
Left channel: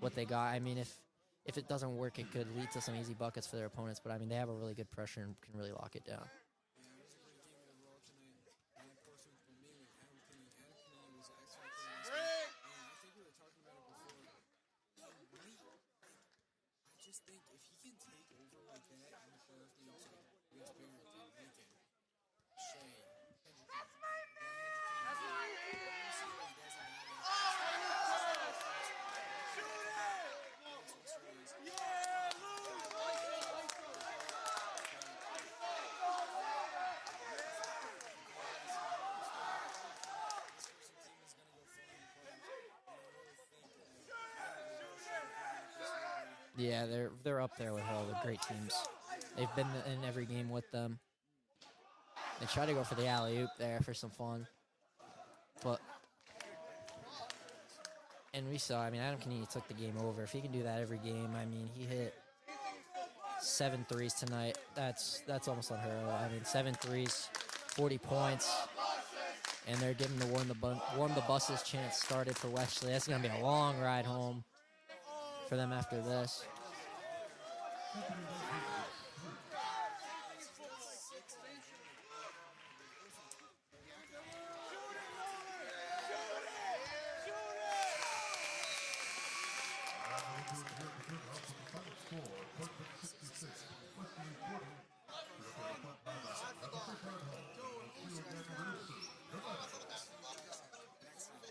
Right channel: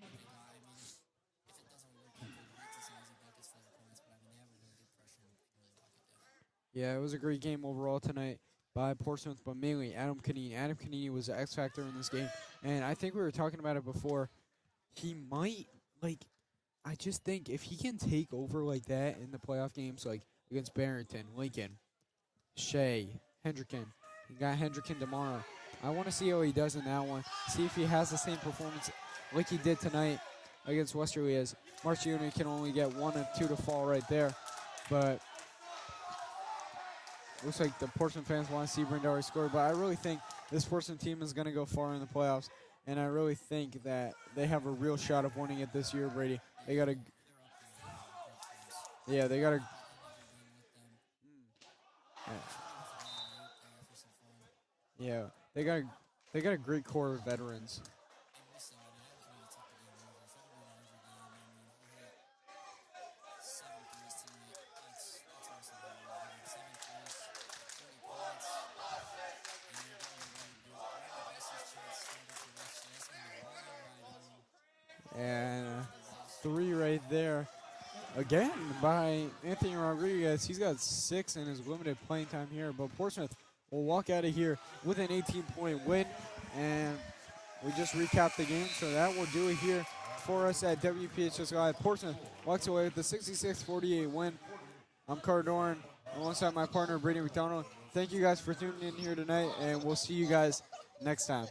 what they got. I mean, if it doesn't work, it could lead to some easy buckets for their opponents, but I mean, they have a really good pressure and can really lock it down. Yeah, it was a great game overall tonight by Portsmouth, but mainly Adam Canini. Adam Canini was the X factor in this game, and I think we were talking about it before. He might, I just think if he can take over like that in the playoff games, like against Barrington, Lincoln, Shea, Hendricken, you got Hendricken tomorrow. I want to see how he does in that one. See if he has the same performance like he did tonight against Westerly, as Marchioni can only get 1 or 2 to fall right there. But looks like the Portsmouth fans want to see Brindari score. But I really think this Portsmouth team is going to go far in the playoffs. And I really think that they have a real shot of winning it this year, Brady. Yeah, they're up there with all the great teams. Yeah, they've been in every game with them. They try to go for the alley-oop there for some fun. Yeah, they got a great core of veterans. And we saw, I mean, Adam Canini took the game over. If he can do that every game, I mean, he hit 7 threes tonight. That's almost unheard of. I mean, 7 threes, 40 points. And they're giving the warm the buses chance started for Westerly. That's going to be a long ride home for them after this. 3 right there. Again by Anthony Rodriguez. He's got 6 in his limited playing time here. But Portsmouth will walk out of here with an 18-point win. And we just recapped the game. So that will do it here for us at WPHS Live. Portsmouth walks away with the 66-48 win. I'm Carter Doran, alongside my partner, Brady McDonald. Thank you guys for tuning in here tonight, and we'll see you guys next time.